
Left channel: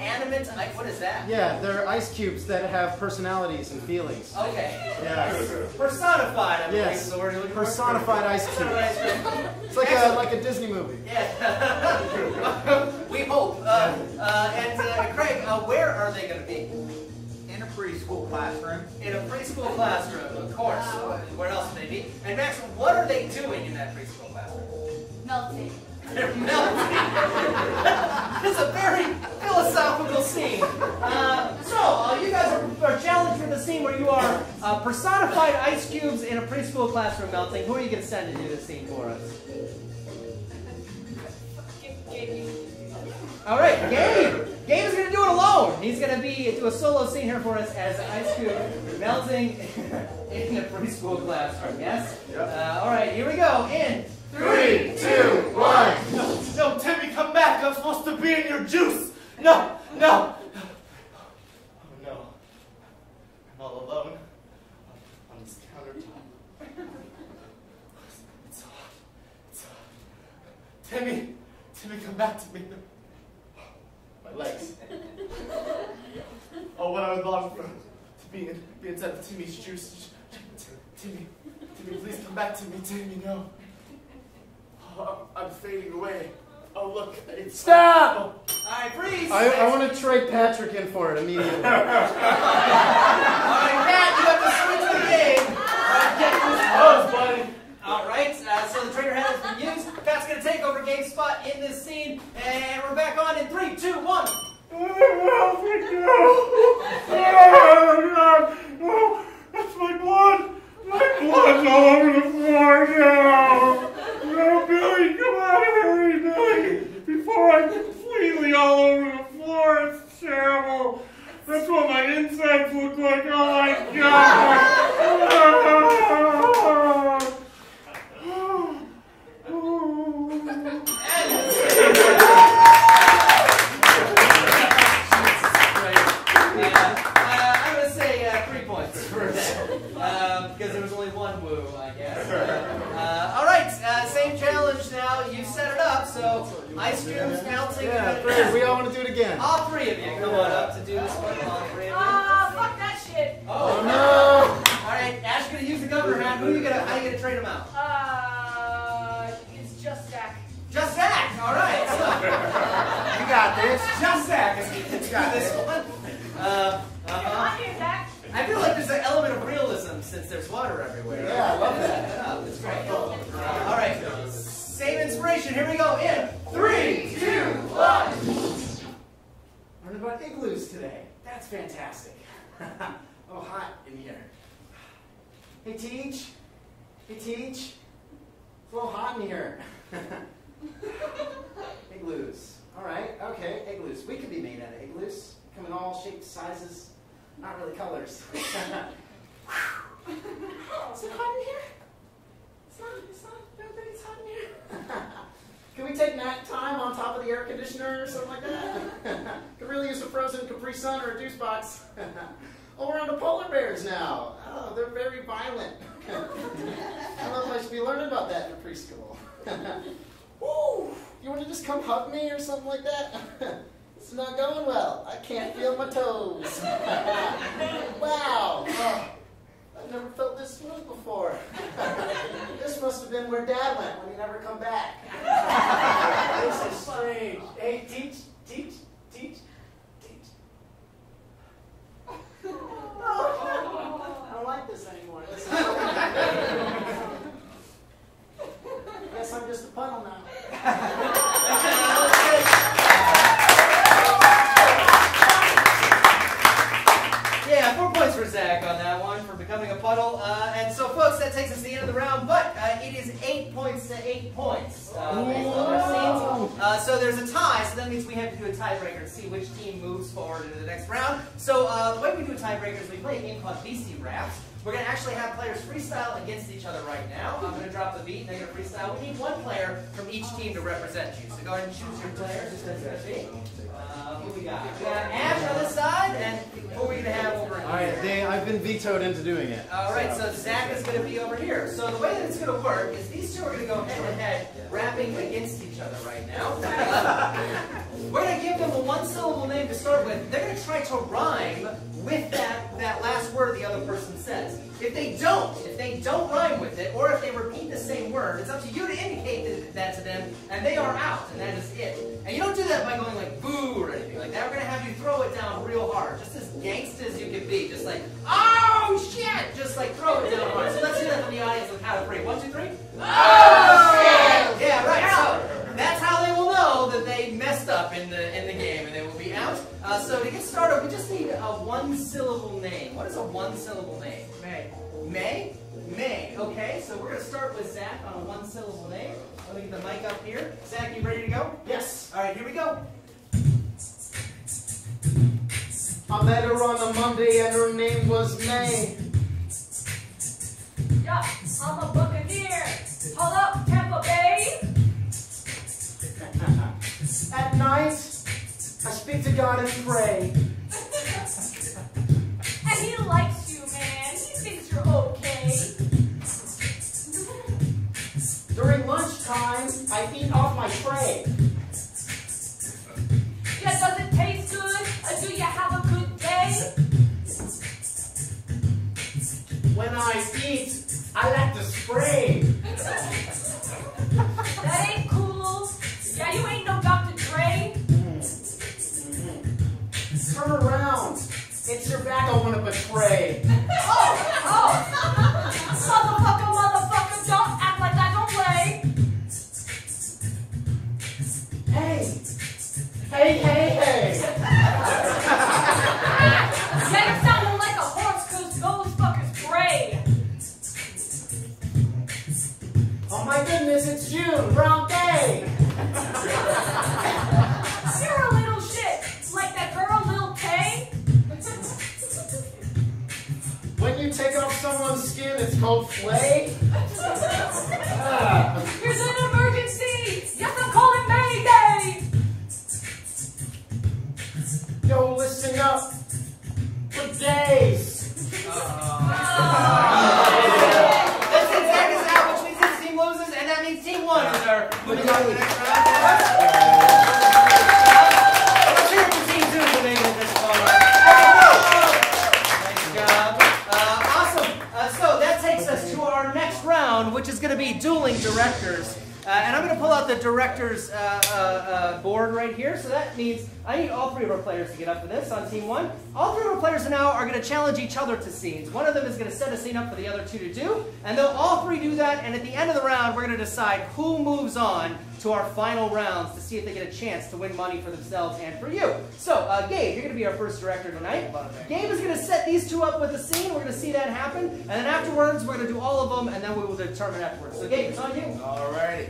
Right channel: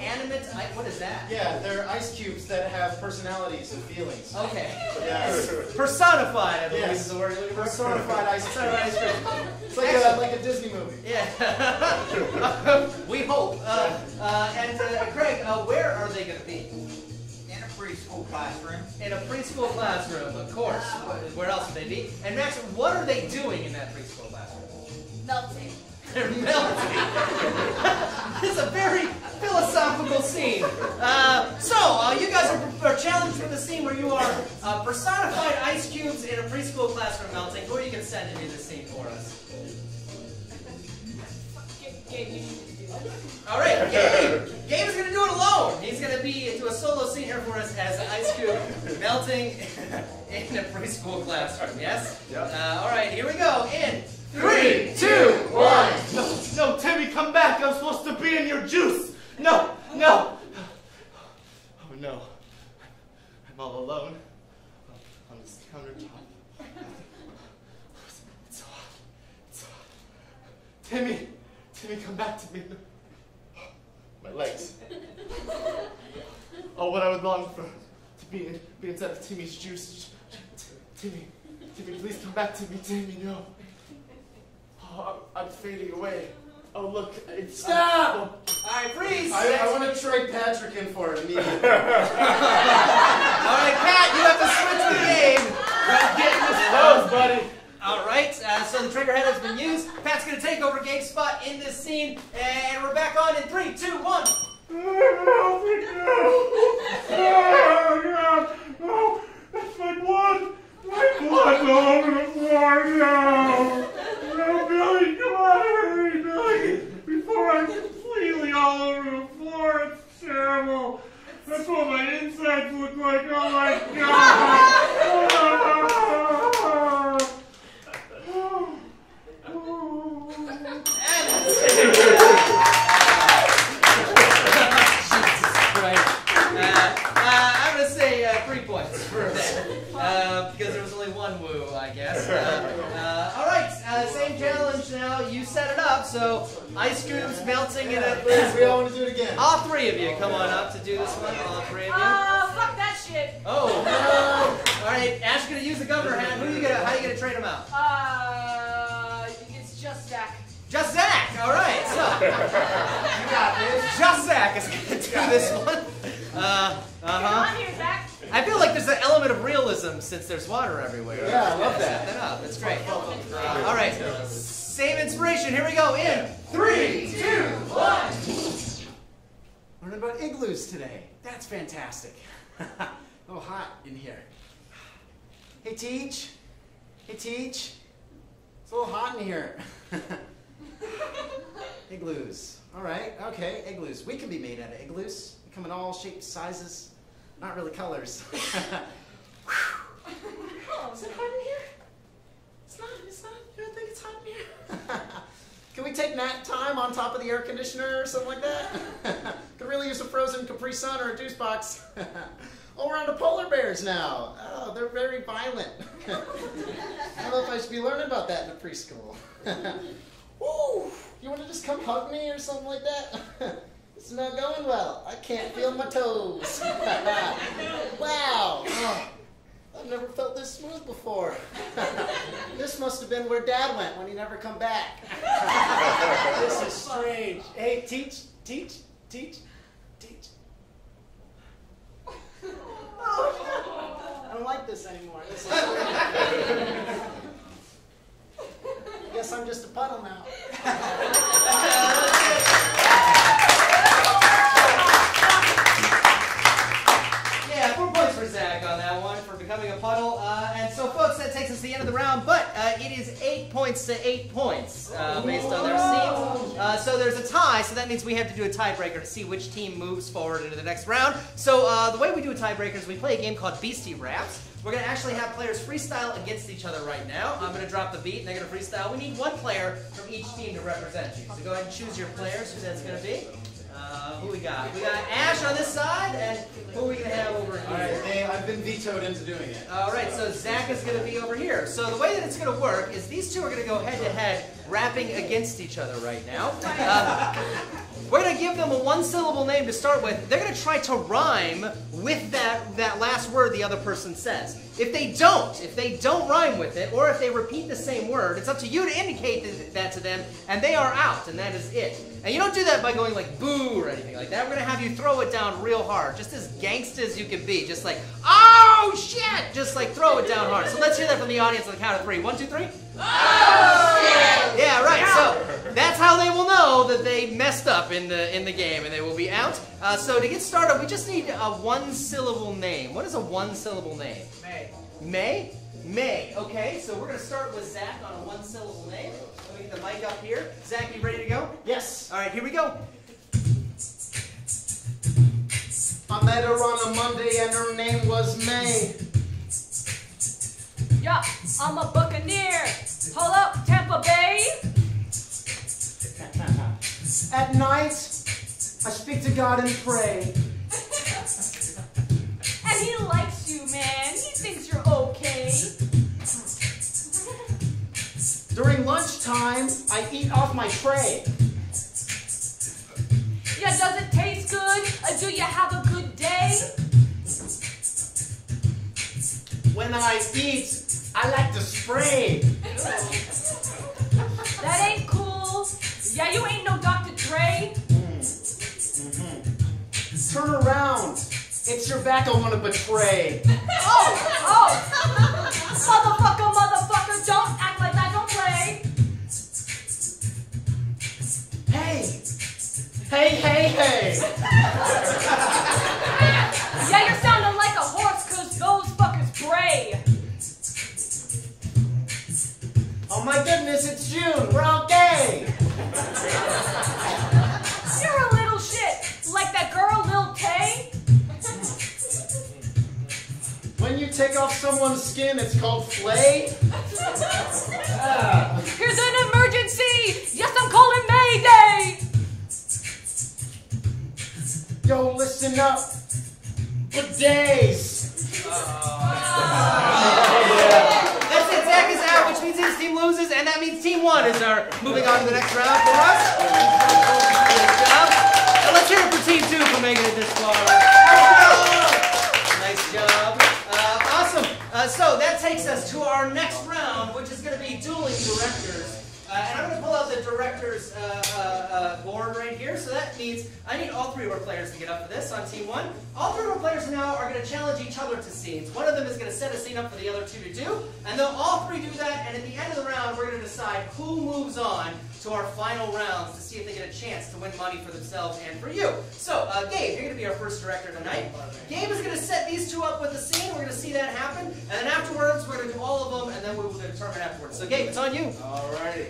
Animate? What is that? Yeah, they're ice cubes that have personalities and feelings. Okay. Yes. personified, I believe Yes. is the word you're looking for. Personified ice cube. Personified ice cream. It's like a Disney movie. Yeah. We hope. And Craig, where are they going to be? In a preschool classroom. In a preschool classroom, of course. Where else would they be? And Max, what are they doing in that preschool classroom? Melting. They're melting. It's a very philosophical scene. You guys are challenged with a scene where you are personified ice cubes in a preschool classroom melting. Who are you going to send to do this scene for us? All right, Gabe. Gabe is going to do it alone. He's going to do a solo scene here for us as the ice cube melting in a preschool classroom. Yes? Yep. All right, here we go. In 3, 2, 1. No, Timmy, come back. I'm supposed to be in your juice. No. Oh, no. I'm all alone on this countertop. It's hot. Timmy, come back to me. My legs. Oh, what I would long for to be inside of Timmy's juice. Timmy, please come back to me. Timmy, no. Oh, I'm fading away. Oh, look. Stop! All right, freeze. I want to trade Patrick in for it immediately. All right, Pat, you have to switch the game. I'm getting this hose, buddy. All right, so the trigger head has been used. Pat's going to take over Gabe's spot in this scene, and we're back on in 3, 2, 1. Oh, that's my blood. My blood's all over the floor now. No, Billy, come on, hurry, Billy. Before I'm completely all over the floor, it's terrible. That's what my insides look like. Oh my God. all three of you come on up to do this one. All three of you. Fuck that shit. Oh no! All right, Ash gonna use the governor hat. How are you gonna trade him out? It's just Zach. Just Zach. All right. So you got this. Just Zach is gonna do this one. Come on here, Zach. I feel like there's an element of realism since there's water everywhere. Yeah, I love that. That's great. All right. Same inspiration. Here we go. In 3, 2, 1. Learned about igloos today. That's fantastic. Oh, hot in here. Hey, Teach. Hey, Teach. It's a little hot in here. Igloos. All right. Okay. Igloos. We can be made out of igloos. Come in all shapes, sizes. Not really colors. Is it hot in here? It's not. You don't think it's hot in here? Can we take nap time on top of the air conditioner or something like that? Could really use a frozen Capri Sun or a juice box. Oh, we're on to polar bears now. Oh, they're very violent. I don't know if I should be learning about that in preschool. Woo! You want to just come hug me or something like that? This is not going well. I can't feel my toes. Wow. Oh, I've never felt this smooth before. This must have been where Dad went when he never come back. This is strange. Hey, Teach. Oh, I don't like this anymore. This is guess I'm just a puddle now. Yeah, 4 points for Zach on that one for becoming a puddle. And so, folks, that takes us to the end of the round, but it is 8 points to 8 points based on their scenes. So there's a tie, so that means we have to do a tiebreaker to see which team moves forward into the next round. So the way we do a tiebreaker is we play a game called Beastie Raps. We're going to actually have players freestyle against each other right now. I'm going to drop the beat, and they're going to freestyle. We need one player from each team to represent you. So go ahead and choose your players, who that's going to be. Who we got? We got Ash on this side, and who are we going to have over here? All right, Dave, I've been vetoed into doing it. All right, so Zach is going to be over here. So the way that it's going to work is these two are going to go head-to-head, rapping against each other right now. We're going to give them a one-syllable name to start with. They're going to try to rhyme with that last word the other person says. If they don't rhyme with it, or if they repeat the same word, it's up to you to indicate that to them, and they are out, and that is it. And you don't do that by going like boo or anything like that. We're going to have you throw it down real hard, just as gangsta as you can be. Just like, oh shit! Just like throw it down hard. So let's hear that from the audience on the count of 3. 1, 2, 3. Oh shit! Yeah, right. So that's how they will know that they messed up in the game and they will be out. So to get started, we just need a one-syllable name. What is a one-syllable name? May? May. Okay, so we're going to start with Zach on a one-syllable name. Let me get the mic up here. Zach, you ready to go? Yes. All right, here we go. I met her on a Monday and her name was May. Yeah, I'm a Buccaneer. Hold up, Tampa Bay. At night, I speak to God and pray. And he likes you, man. He thinks you're okay. During lunchtime, I eat off my tray. Yeah, does it taste good? Do you have a good day? When I eat, I like to spray. That ain't cool. Yeah, you ain't no Dr. Dre. Turn around. It's your back I want to betray. Oh. Motherfucker, don't act like that. Don't play. Hey. Yeah, you're sounding like a horse because those fuckers bray. Oh my goodness, it's June. We're all gay. You're a little shit. Like that girl, Lil Tay. When you take off someone's skin, it's called flay. Here's an emergency. Yes, I'm calling Mayday. Yo, listen up. For days. That's it, Zach is out, which means his team loses, and that means Team 1 is moving on to the next round for us. Let's hear it for Team 2. director's board right here. So that means I need all three of our players to get up for this on team one. All three of our players now are going to challenge each other to scenes. One of them is going to set a scene up for the other two to do, and they'll all three do that. And at the end of the round, we're going to decide who moves on to our final rounds to see if they get a chance to win money for themselves and for you. So, Gabe, you're going to be our first director tonight. Gabe is going to set these two up with a scene. We're going to see that happen. And then afterwards, we're going to do all of them, and then we will determine afterwards. So, Gabe, it's on you. Alrighty.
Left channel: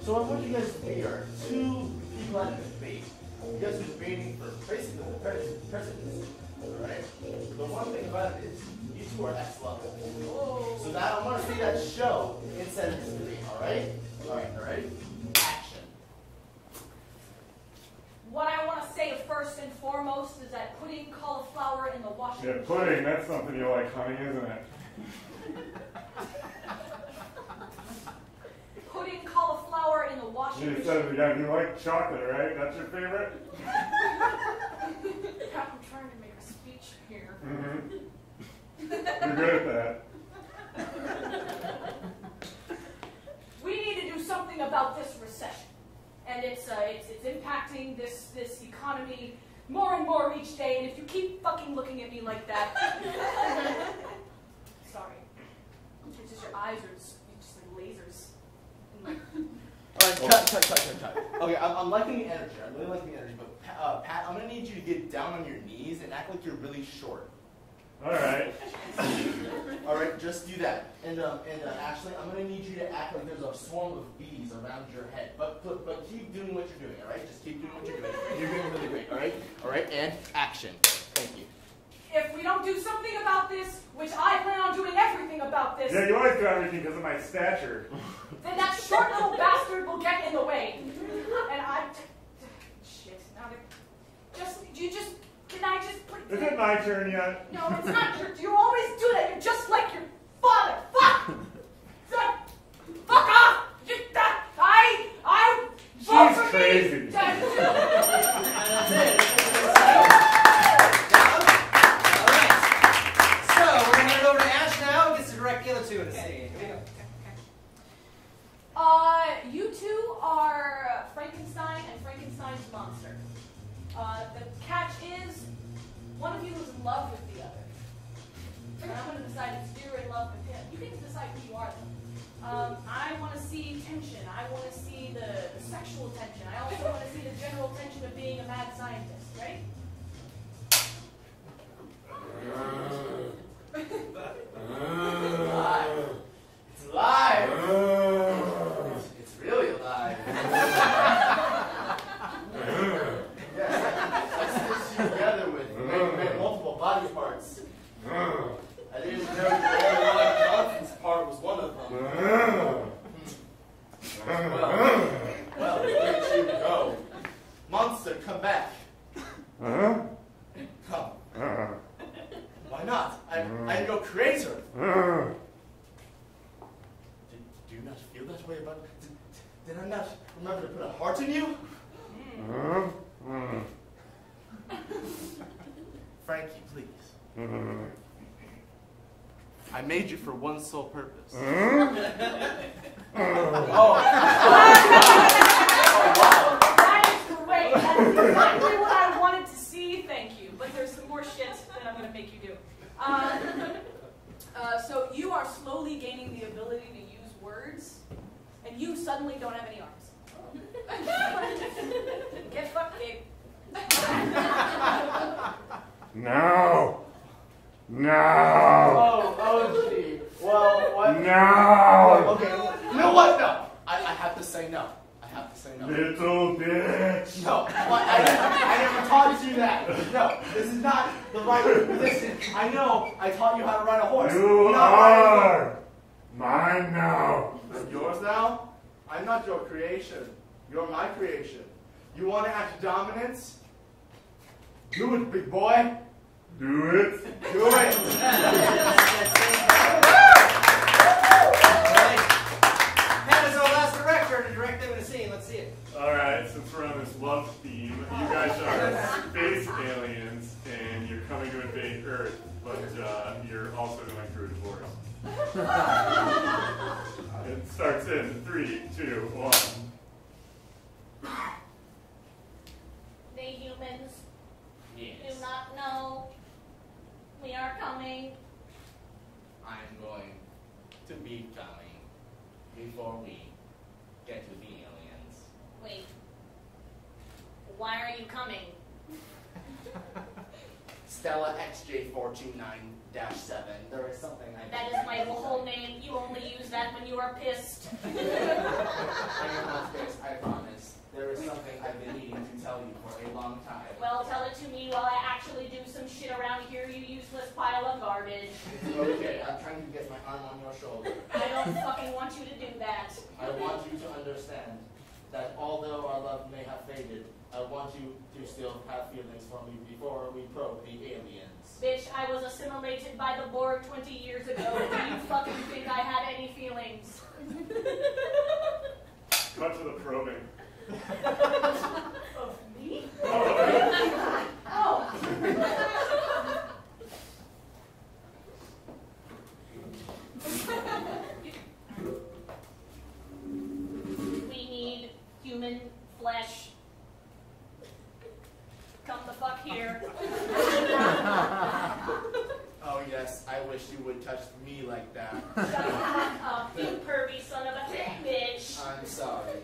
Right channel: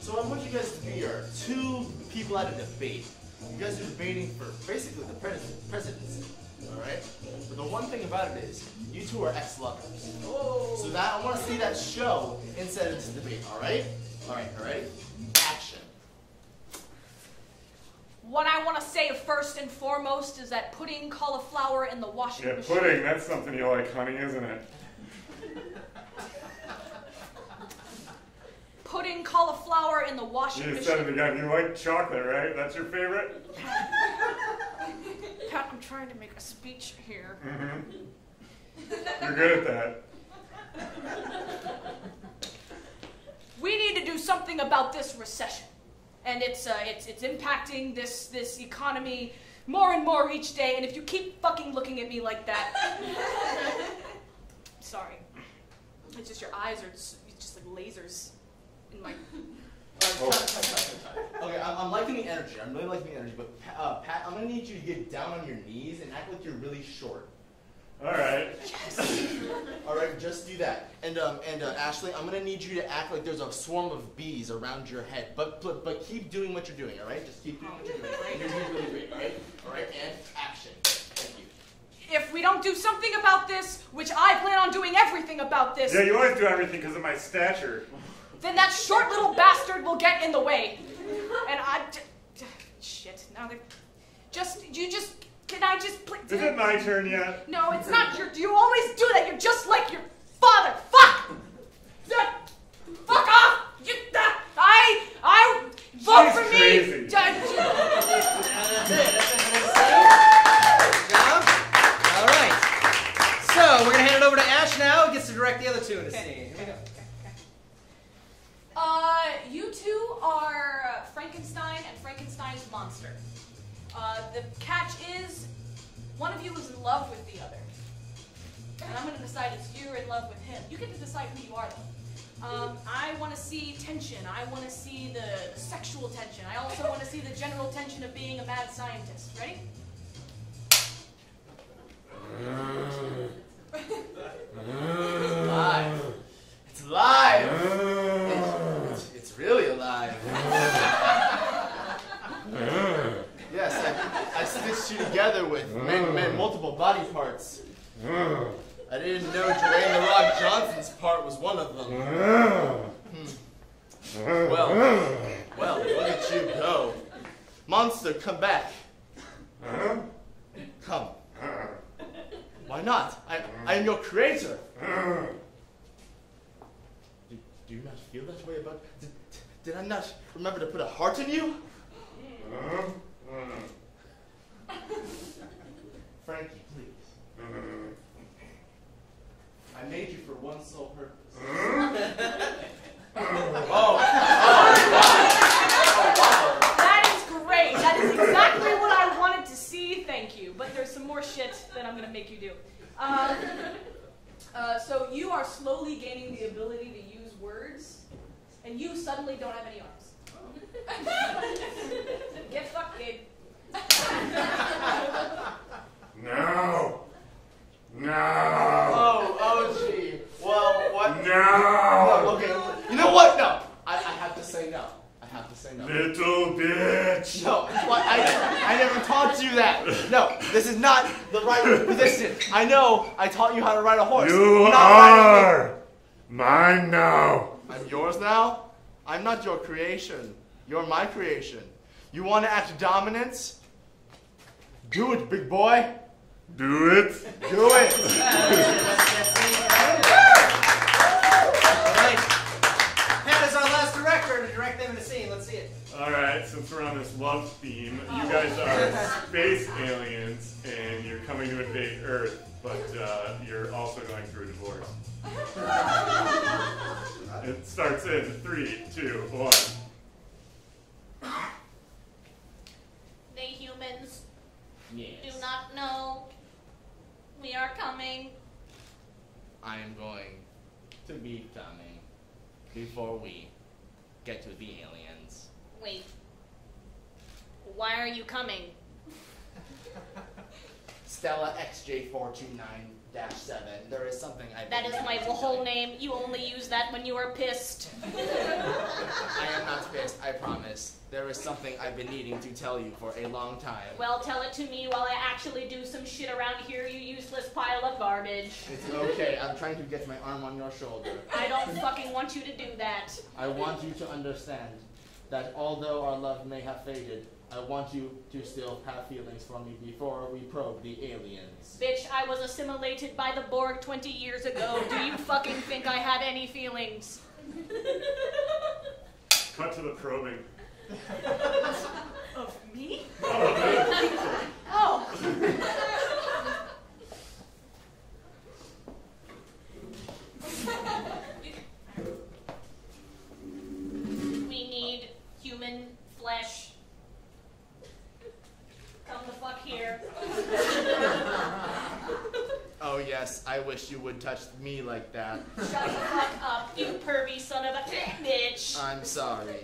So I want you guys to be our two people at a debate. You guys are debating for basically the presidency. Alright? But the one thing about it is, you two are ex-lovers. So now I want to see that show instead of this debate. Alright? Alright? Action. What I want to say first and foremost is that putting cauliflower in the washing Yeah, machine. pudding, that's something you like, honey, isn't it? Putting cauliflower in the washing You machine. said it again. You like chocolate, right? That's your favorite? Pat, I'm trying to make a speech here. Mm-hmm. You're good at that. We need to do something about this recession, and it's impacting this economy more and more each day. And if you keep fucking looking at me like that, sorry, it's just your eyes are just like lasers in my. Alright, cut. Okay, I'm liking the energy. I'm really liking the energy. But Pat, I'm gonna need you to get down on your knees and act like you're really short. All right. Alright, just do that. And Ashley, I'm gonna need you to act like there's a swarm of bees around your head. But keep doing what you're doing, alright? Just keep doing what you're doing. You're doing really great, alright? Alright, and action. Thank you. If we don't do something about this, which I plan on doing everything about this, Yeah, you always do everything because of my stature. then that short little bastard will get in the way. And shit. Now they're can I just please? Is it my turn yet? No, it's not your. You always do that. You're just like your father. Fuck! Fuck off! I vote She's for crazy. me. That's it. All right. So we're gonna hand it over to Ash now. He gets to direct the other two in the scene. Here we go. You two are Frankenstein and Frankenstein's monster. The catch is, one of you is in love with the other. And I'm going to decide if you're in love with him. You get to decide who you are, though. I want to see tension. I want to see the sexual tension. I also want to see the general tension of being a mad scientist. Ready? Live. It's live. It's really alive. Yes, I stitched you together with multiple body parts. I didn't know Joanne the Rock Johnson's part was one of them. Well, look at you go. Monster, come back. Come. Why not? I am your creator. Do you not feel that way about? Did I not remember to put a heart in you? Frankie, please. I made you for one sole purpose. Wow. That is great. That is exactly what I wanted to see. Thank you. But there's some more shit that I'm going to make you do. So you are slowly gaining the ability to use words, and you suddenly don't have any arms. Get fucked, Gabe. No. Oh, gee. Well, what? No. Okay, you know what? No. I have to say no. Little bitch. No, I never taught you that. No, this is not the right position. I know I taught you how to ride a horse. You are mine now. I'm yours now? I'm not your creation. You're my creation. You want to act dominant? Do it, big boy. Do it. Do it. Pat is our last director to direct them in the scene. Let's see it. All right, since we're on this love theme, you guys are space aliens, and you're coming to invade Earth, but you're also going through a divorce. It starts in 3, 2, 1. Stella XJ429-7. There is something I've That is been my needing to whole tell you. name. You only use that when you are pissed. I am not pissed, I promise. There is something I've been needing to tell you for a long time. Well, tell it to me while I actually do some shit around here, you useless pile of garbage. It's okay, I'm trying to get my arm on your shoulder. I don't fucking want you to do that. I want you to understand that although our love may have faded, I want you to still have feelings for me before we probe the aliens. Bitch, I was assimilated by the Borg 20 years ago. Do you fucking think I have any feelings? Cut to the probing. Of me? Oh, Oh. We need human flesh. Come the fuck here. Oh yes, I wish you would touch me like that. Shut the fuck up, you pervy son of a bitch. I'm sorry.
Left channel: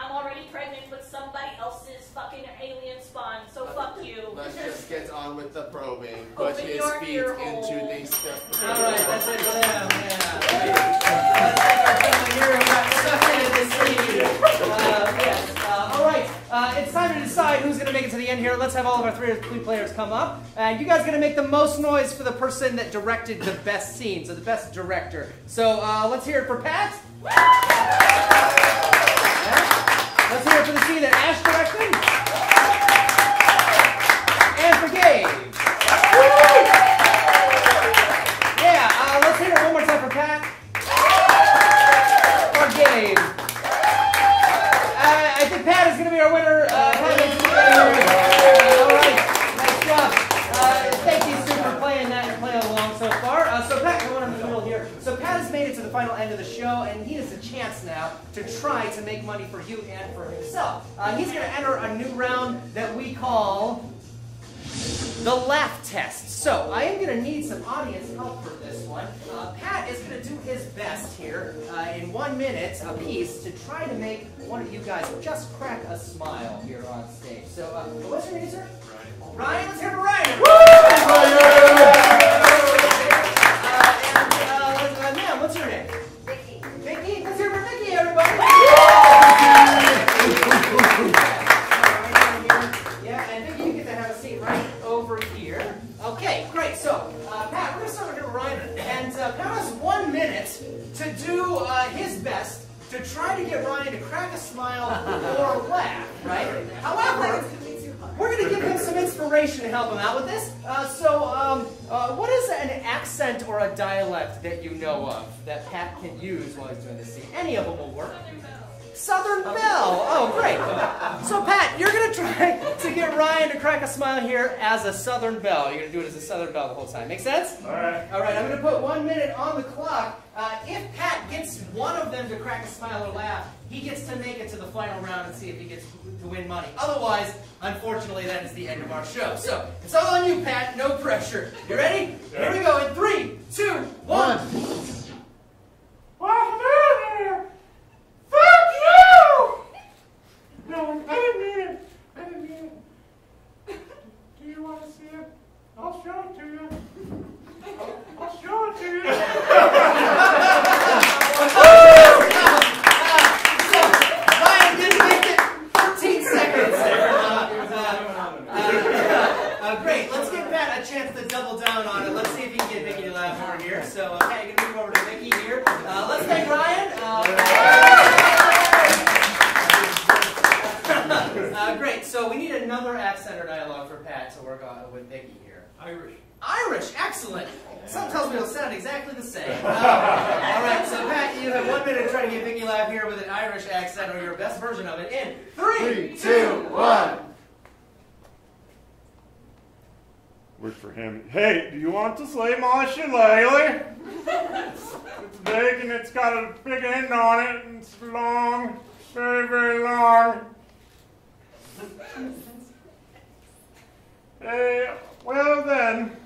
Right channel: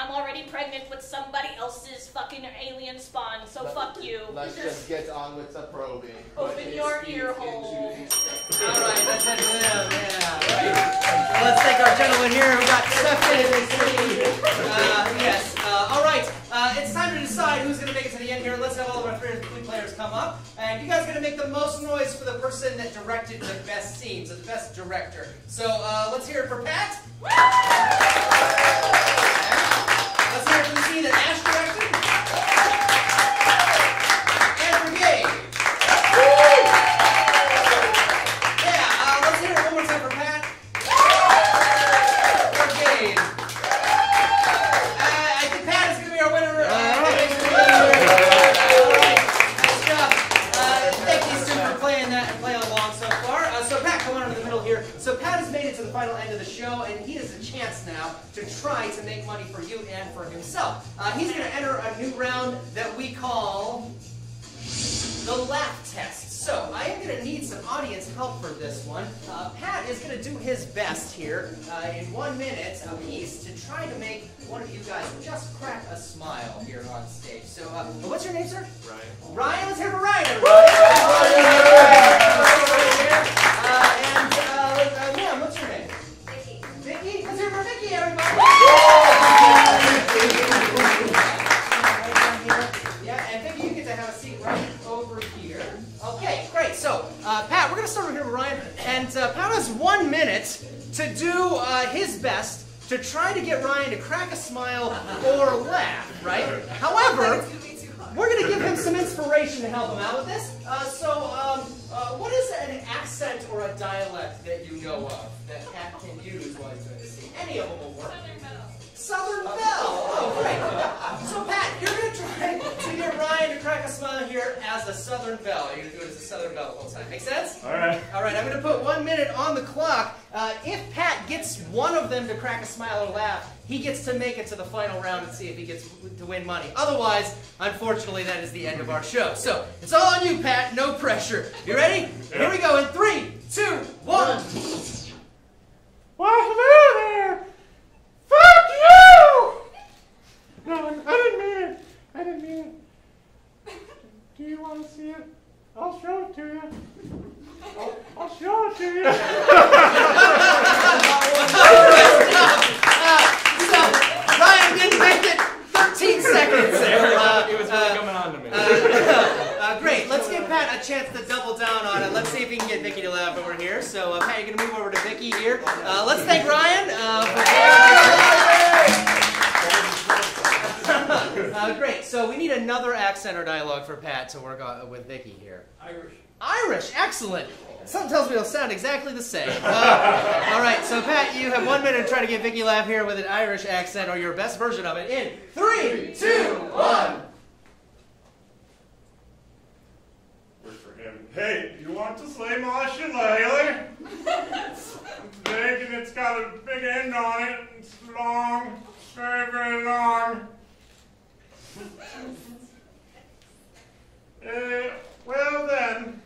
I'm already pregnant with somebody else's fucking alien spawn, so fuck you. Let's just get on with the probing. Put Open his your feet ear into hole. the spit. All right, that's it for them. Yeah. Right. Let's thank our gentleman here who got sucked into this scene. Yes. All right. It's time to decide who's going to make it to the end here. Let's have all of our three players come up. And you guys are going to make the most noise for the person that directed the best scene, so the best director. So let's hear it for Pat. Let's hear it for the scene that Ash directed. And for Gabe. Yeah, let's hear it one more time for Pat. For Gabe. I think Pat is going to be our winner. All right, nice job. Thank you, Stu, for playing along so far. So Pat, go on in the middle here. So Pat has made it to the final end of the show, and he has a chance now to try to make money for you and for himself. He's going to enter a new round that we call the laugh test. So I am going to need some audience help for this one. Pat is going to do his best here in 1 minute apiece to try to make one of you guys just crack a smile here on stage. So what's your name, sir? Ryan. Ryan, let's hear for Ryan. And ma'am, what's your name? Vicky. Vicky? Let's hear for Vicky, everybody. Yeah, and Vicky, you get to have a seat right over here. Okay, great. So, Pat, we're going to start over here with Ryan. And Pat has 1 minute to do his best to try to get Ryan to crack a smile or laugh, right? However, we're going to give him some inspiration to help him out with this. What is an accent or a dialect that you know of that Pat can use while he's doing this scene? Any of them will work. Southern Belle. Oh, great. So, Pat, you're going to try to get Ryan to crack a smile here as a Southern Belle. You're going to do it as a Southern Belle the whole time. Make sense? All right. All right, I'm going to put 1 minute on the clock. If Pat gets one of them to crack a smile or laugh, he gets to make it to the final round and see if he gets to win money. Otherwise, unfortunately, that is the end of our show. So, it's all on you, Pat. No pressure. You ready? Yeah. Here we go in 3, 2, 1. Well, hello there. Fuck you! No, I didn't mean it. Do you want to see it? I'll show it to you. I'll show it to you. So, Ryan didn't make it 13 seconds there. He was really coming on to me. Great. Let's give Pat a chance to double down on it. Let's see if we can get Vicky to laugh over here. So, Pat, you're going to move over to Vicky here. Let's thank Ryan. Great. So we need another accent or dialogue for Pat to work on with Vicky here. Irish. Irish. Excellent. Something tells me it'll sound exactly the same. All right. So Pat, you have 1 minute to try to get Vicky laugh here with an Irish accent or your best version of it in 3, 2, 1. Word for him. Hey, do you want to slay my shillelagh? It's big and it's got a big end on it and it's long, very, very long. Well then,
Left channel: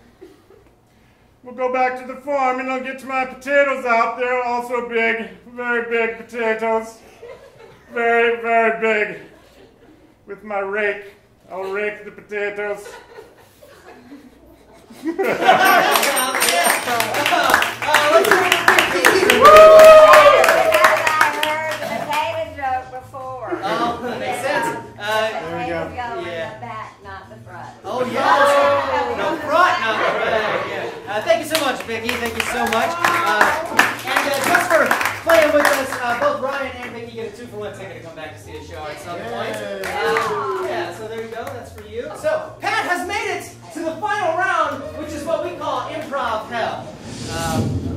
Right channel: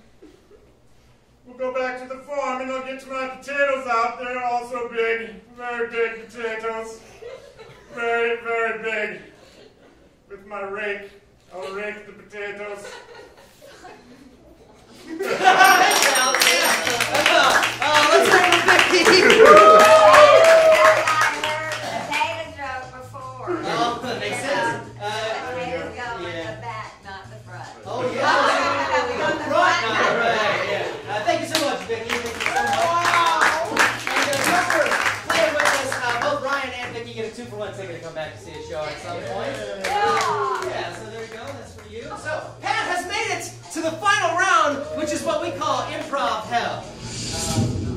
we'll go back to the farm and I'll get to my potatoes out there, also big, very big potatoes. Very, very big. With my rake, I'll rake the potatoes. Let's go with Vicky. Makes sense. Oh, yeah. No front, no back. Yeah. Thank you so much, Vicky. Thank you so much. And just for playing with us, both Ryan and Vicky get a 2-for-1 ticket to come back to see a show at some point. Yeah, so there you go. That's for you. So, Pat has made it to the final round, which is what we call Improv Hell.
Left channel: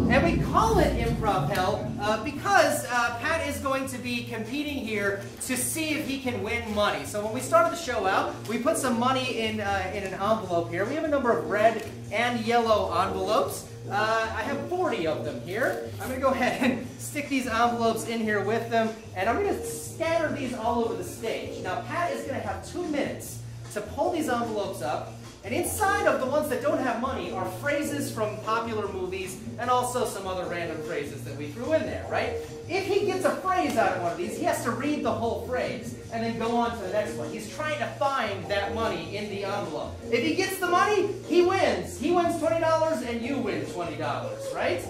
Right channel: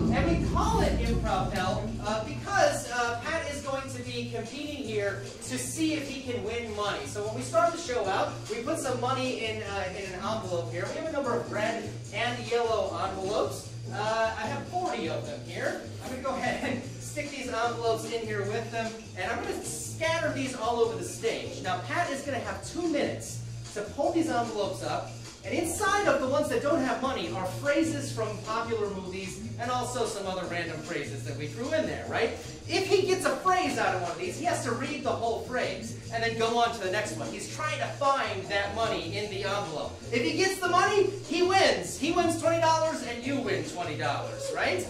And we call it Improv Hell because Pat is going to be competing here to see if he can win money. So when we started the show out, we put some money in an envelope here. We have a number of red and yellow envelopes. I have 40 of them here. I'm going to go ahead and stick these envelopes in here with them, and I'm going to scatter these all over the stage. Now, Pat is going to have 2 minutes to pull these envelopes up, and inside of the ones that don't have money are phrases from popular movies and also some other random phrases that we threw in there, right? If he gets a phrase out of one of these, he has to read the whole phrase and then go on to the next one. He's trying to find that money in the envelope. If he gets the money, he wins. He wins $20 and you win $20, right?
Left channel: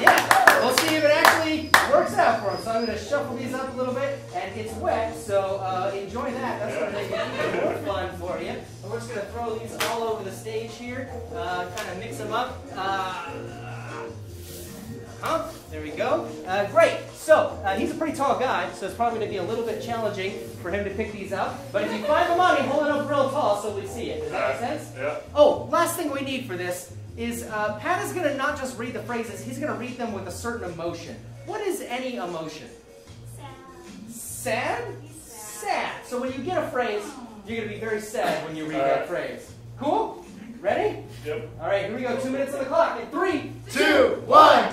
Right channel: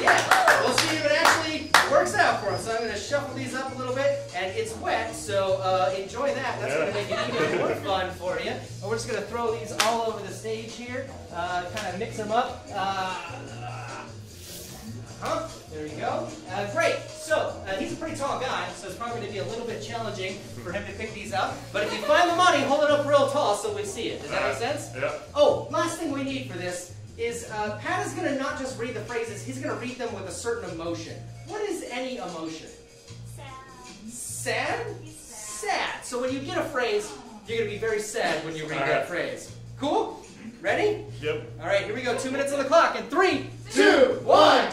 Yeah, we'll see if it actually works out for him. So I'm going to shuffle these up a little bit, and it's wet, so enjoy that. That's going to make it even more fun for you. And we're just going to throw these all over the stage here, kind of mix them up. There we go. Great. So, he's a pretty tall guy, so it's probably going to be a little bit challenging for him to pick these up. But if you find the money, hold it up real tall so we see it. Does that make sense? Yeah. Oh, last thing we need for this is Pat is going to not just read the phrases, he's going to read them with a certain emotion. What is any emotion? Sad. Sad? Sad. So when you get a phrase, you're going to be very sad when you read that phrase. Cool? Ready? Yep. All right, here we go. 2 minutes on the clock. And 3, 2, 1.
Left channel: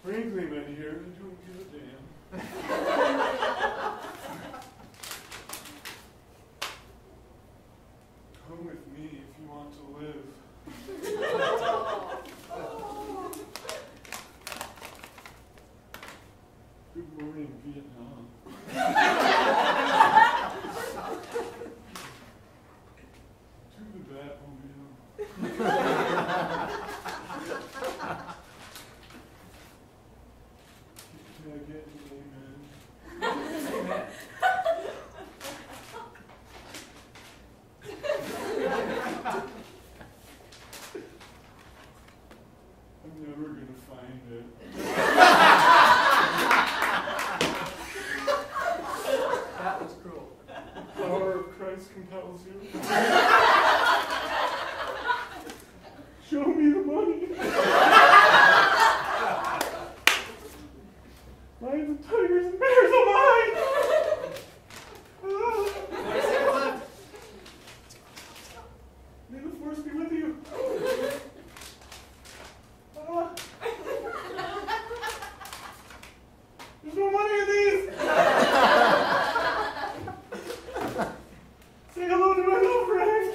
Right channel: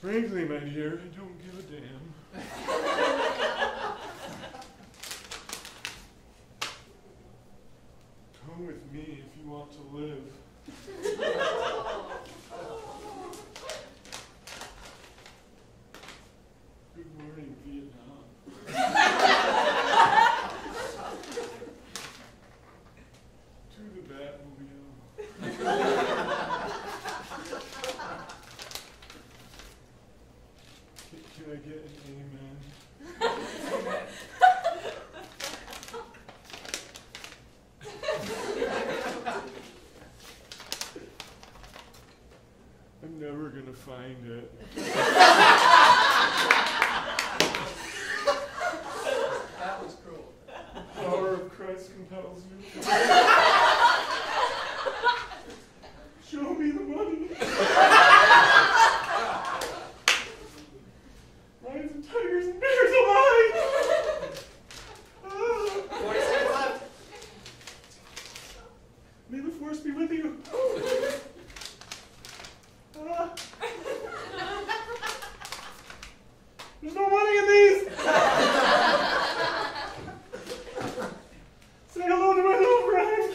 Frankly, my dear, I don't give a damn. Come with me if you want to live. Good morning, Vietnam. To the Batmobile. Can I get an amen? I'm never gonna find it. That was cruel. The power of Christ compels you. Show me the money. Lions and tigers and bears alive! 40 seconds left. May the force be with you. There's no money in these! Say hello to my little friend!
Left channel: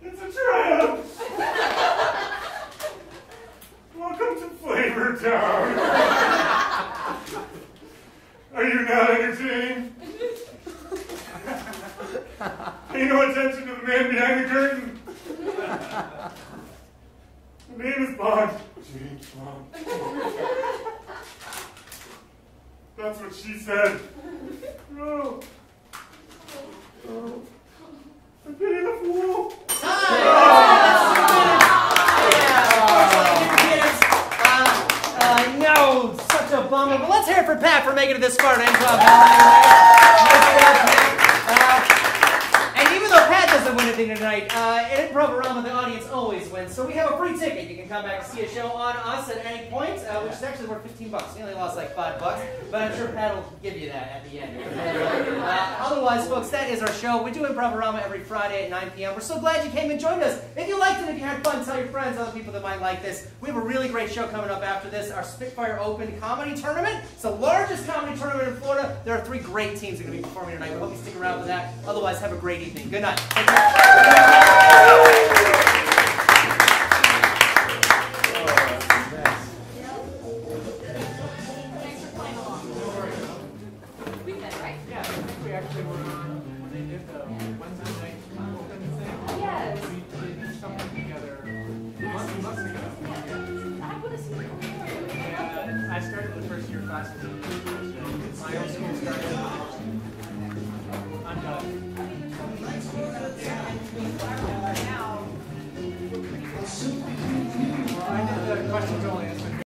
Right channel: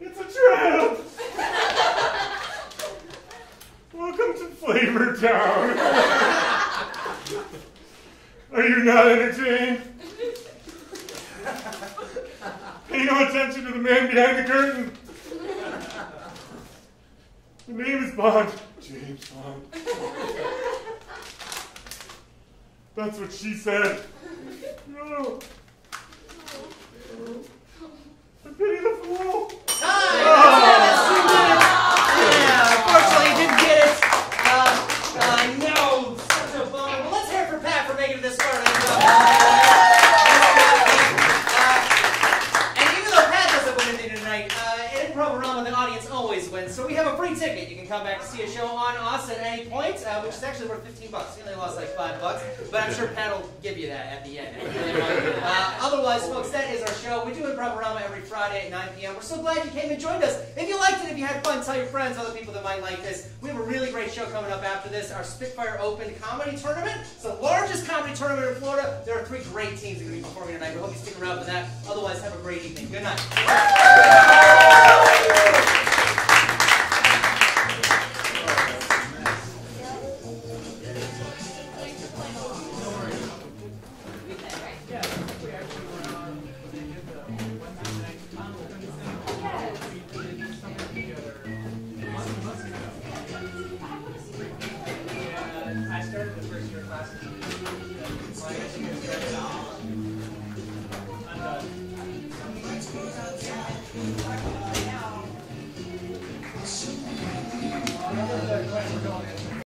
It's a trap! Welcome to Flavor Town! Are you not entertained? Pay no attention to the man behind the curtain. The name is Bond. James Bond. That's what she said. No. I pity the fool. Time! That's 2 minutes. Yeah, unfortunately, you didn't get it. No, such a bummer. But let's hear it for Pat for making it this far. Nice job, and even though Pat doesn't win anything tonight, in Improvarama, the audience always wins. So we have a free ticket. You can come back to see a show on us at any point, which is actually worth $15. You only lost like $5, but I'm sure Pat will give you that at the end. Otherwise, folks, that is our show. We do Improvarama every Friday at 9 p.m. We're so glad you came and joined us. If you liked it, if you had fun, tell your friends, other people that might like this. We have a really great show coming up after this, our Spitfire Open Comedy Tournament. It's the largest comedy tournament in Florida. There are 3 great teams that are going to be performing tonight. We hope you stick around for that. Otherwise, have a great evening. Good night. Take care.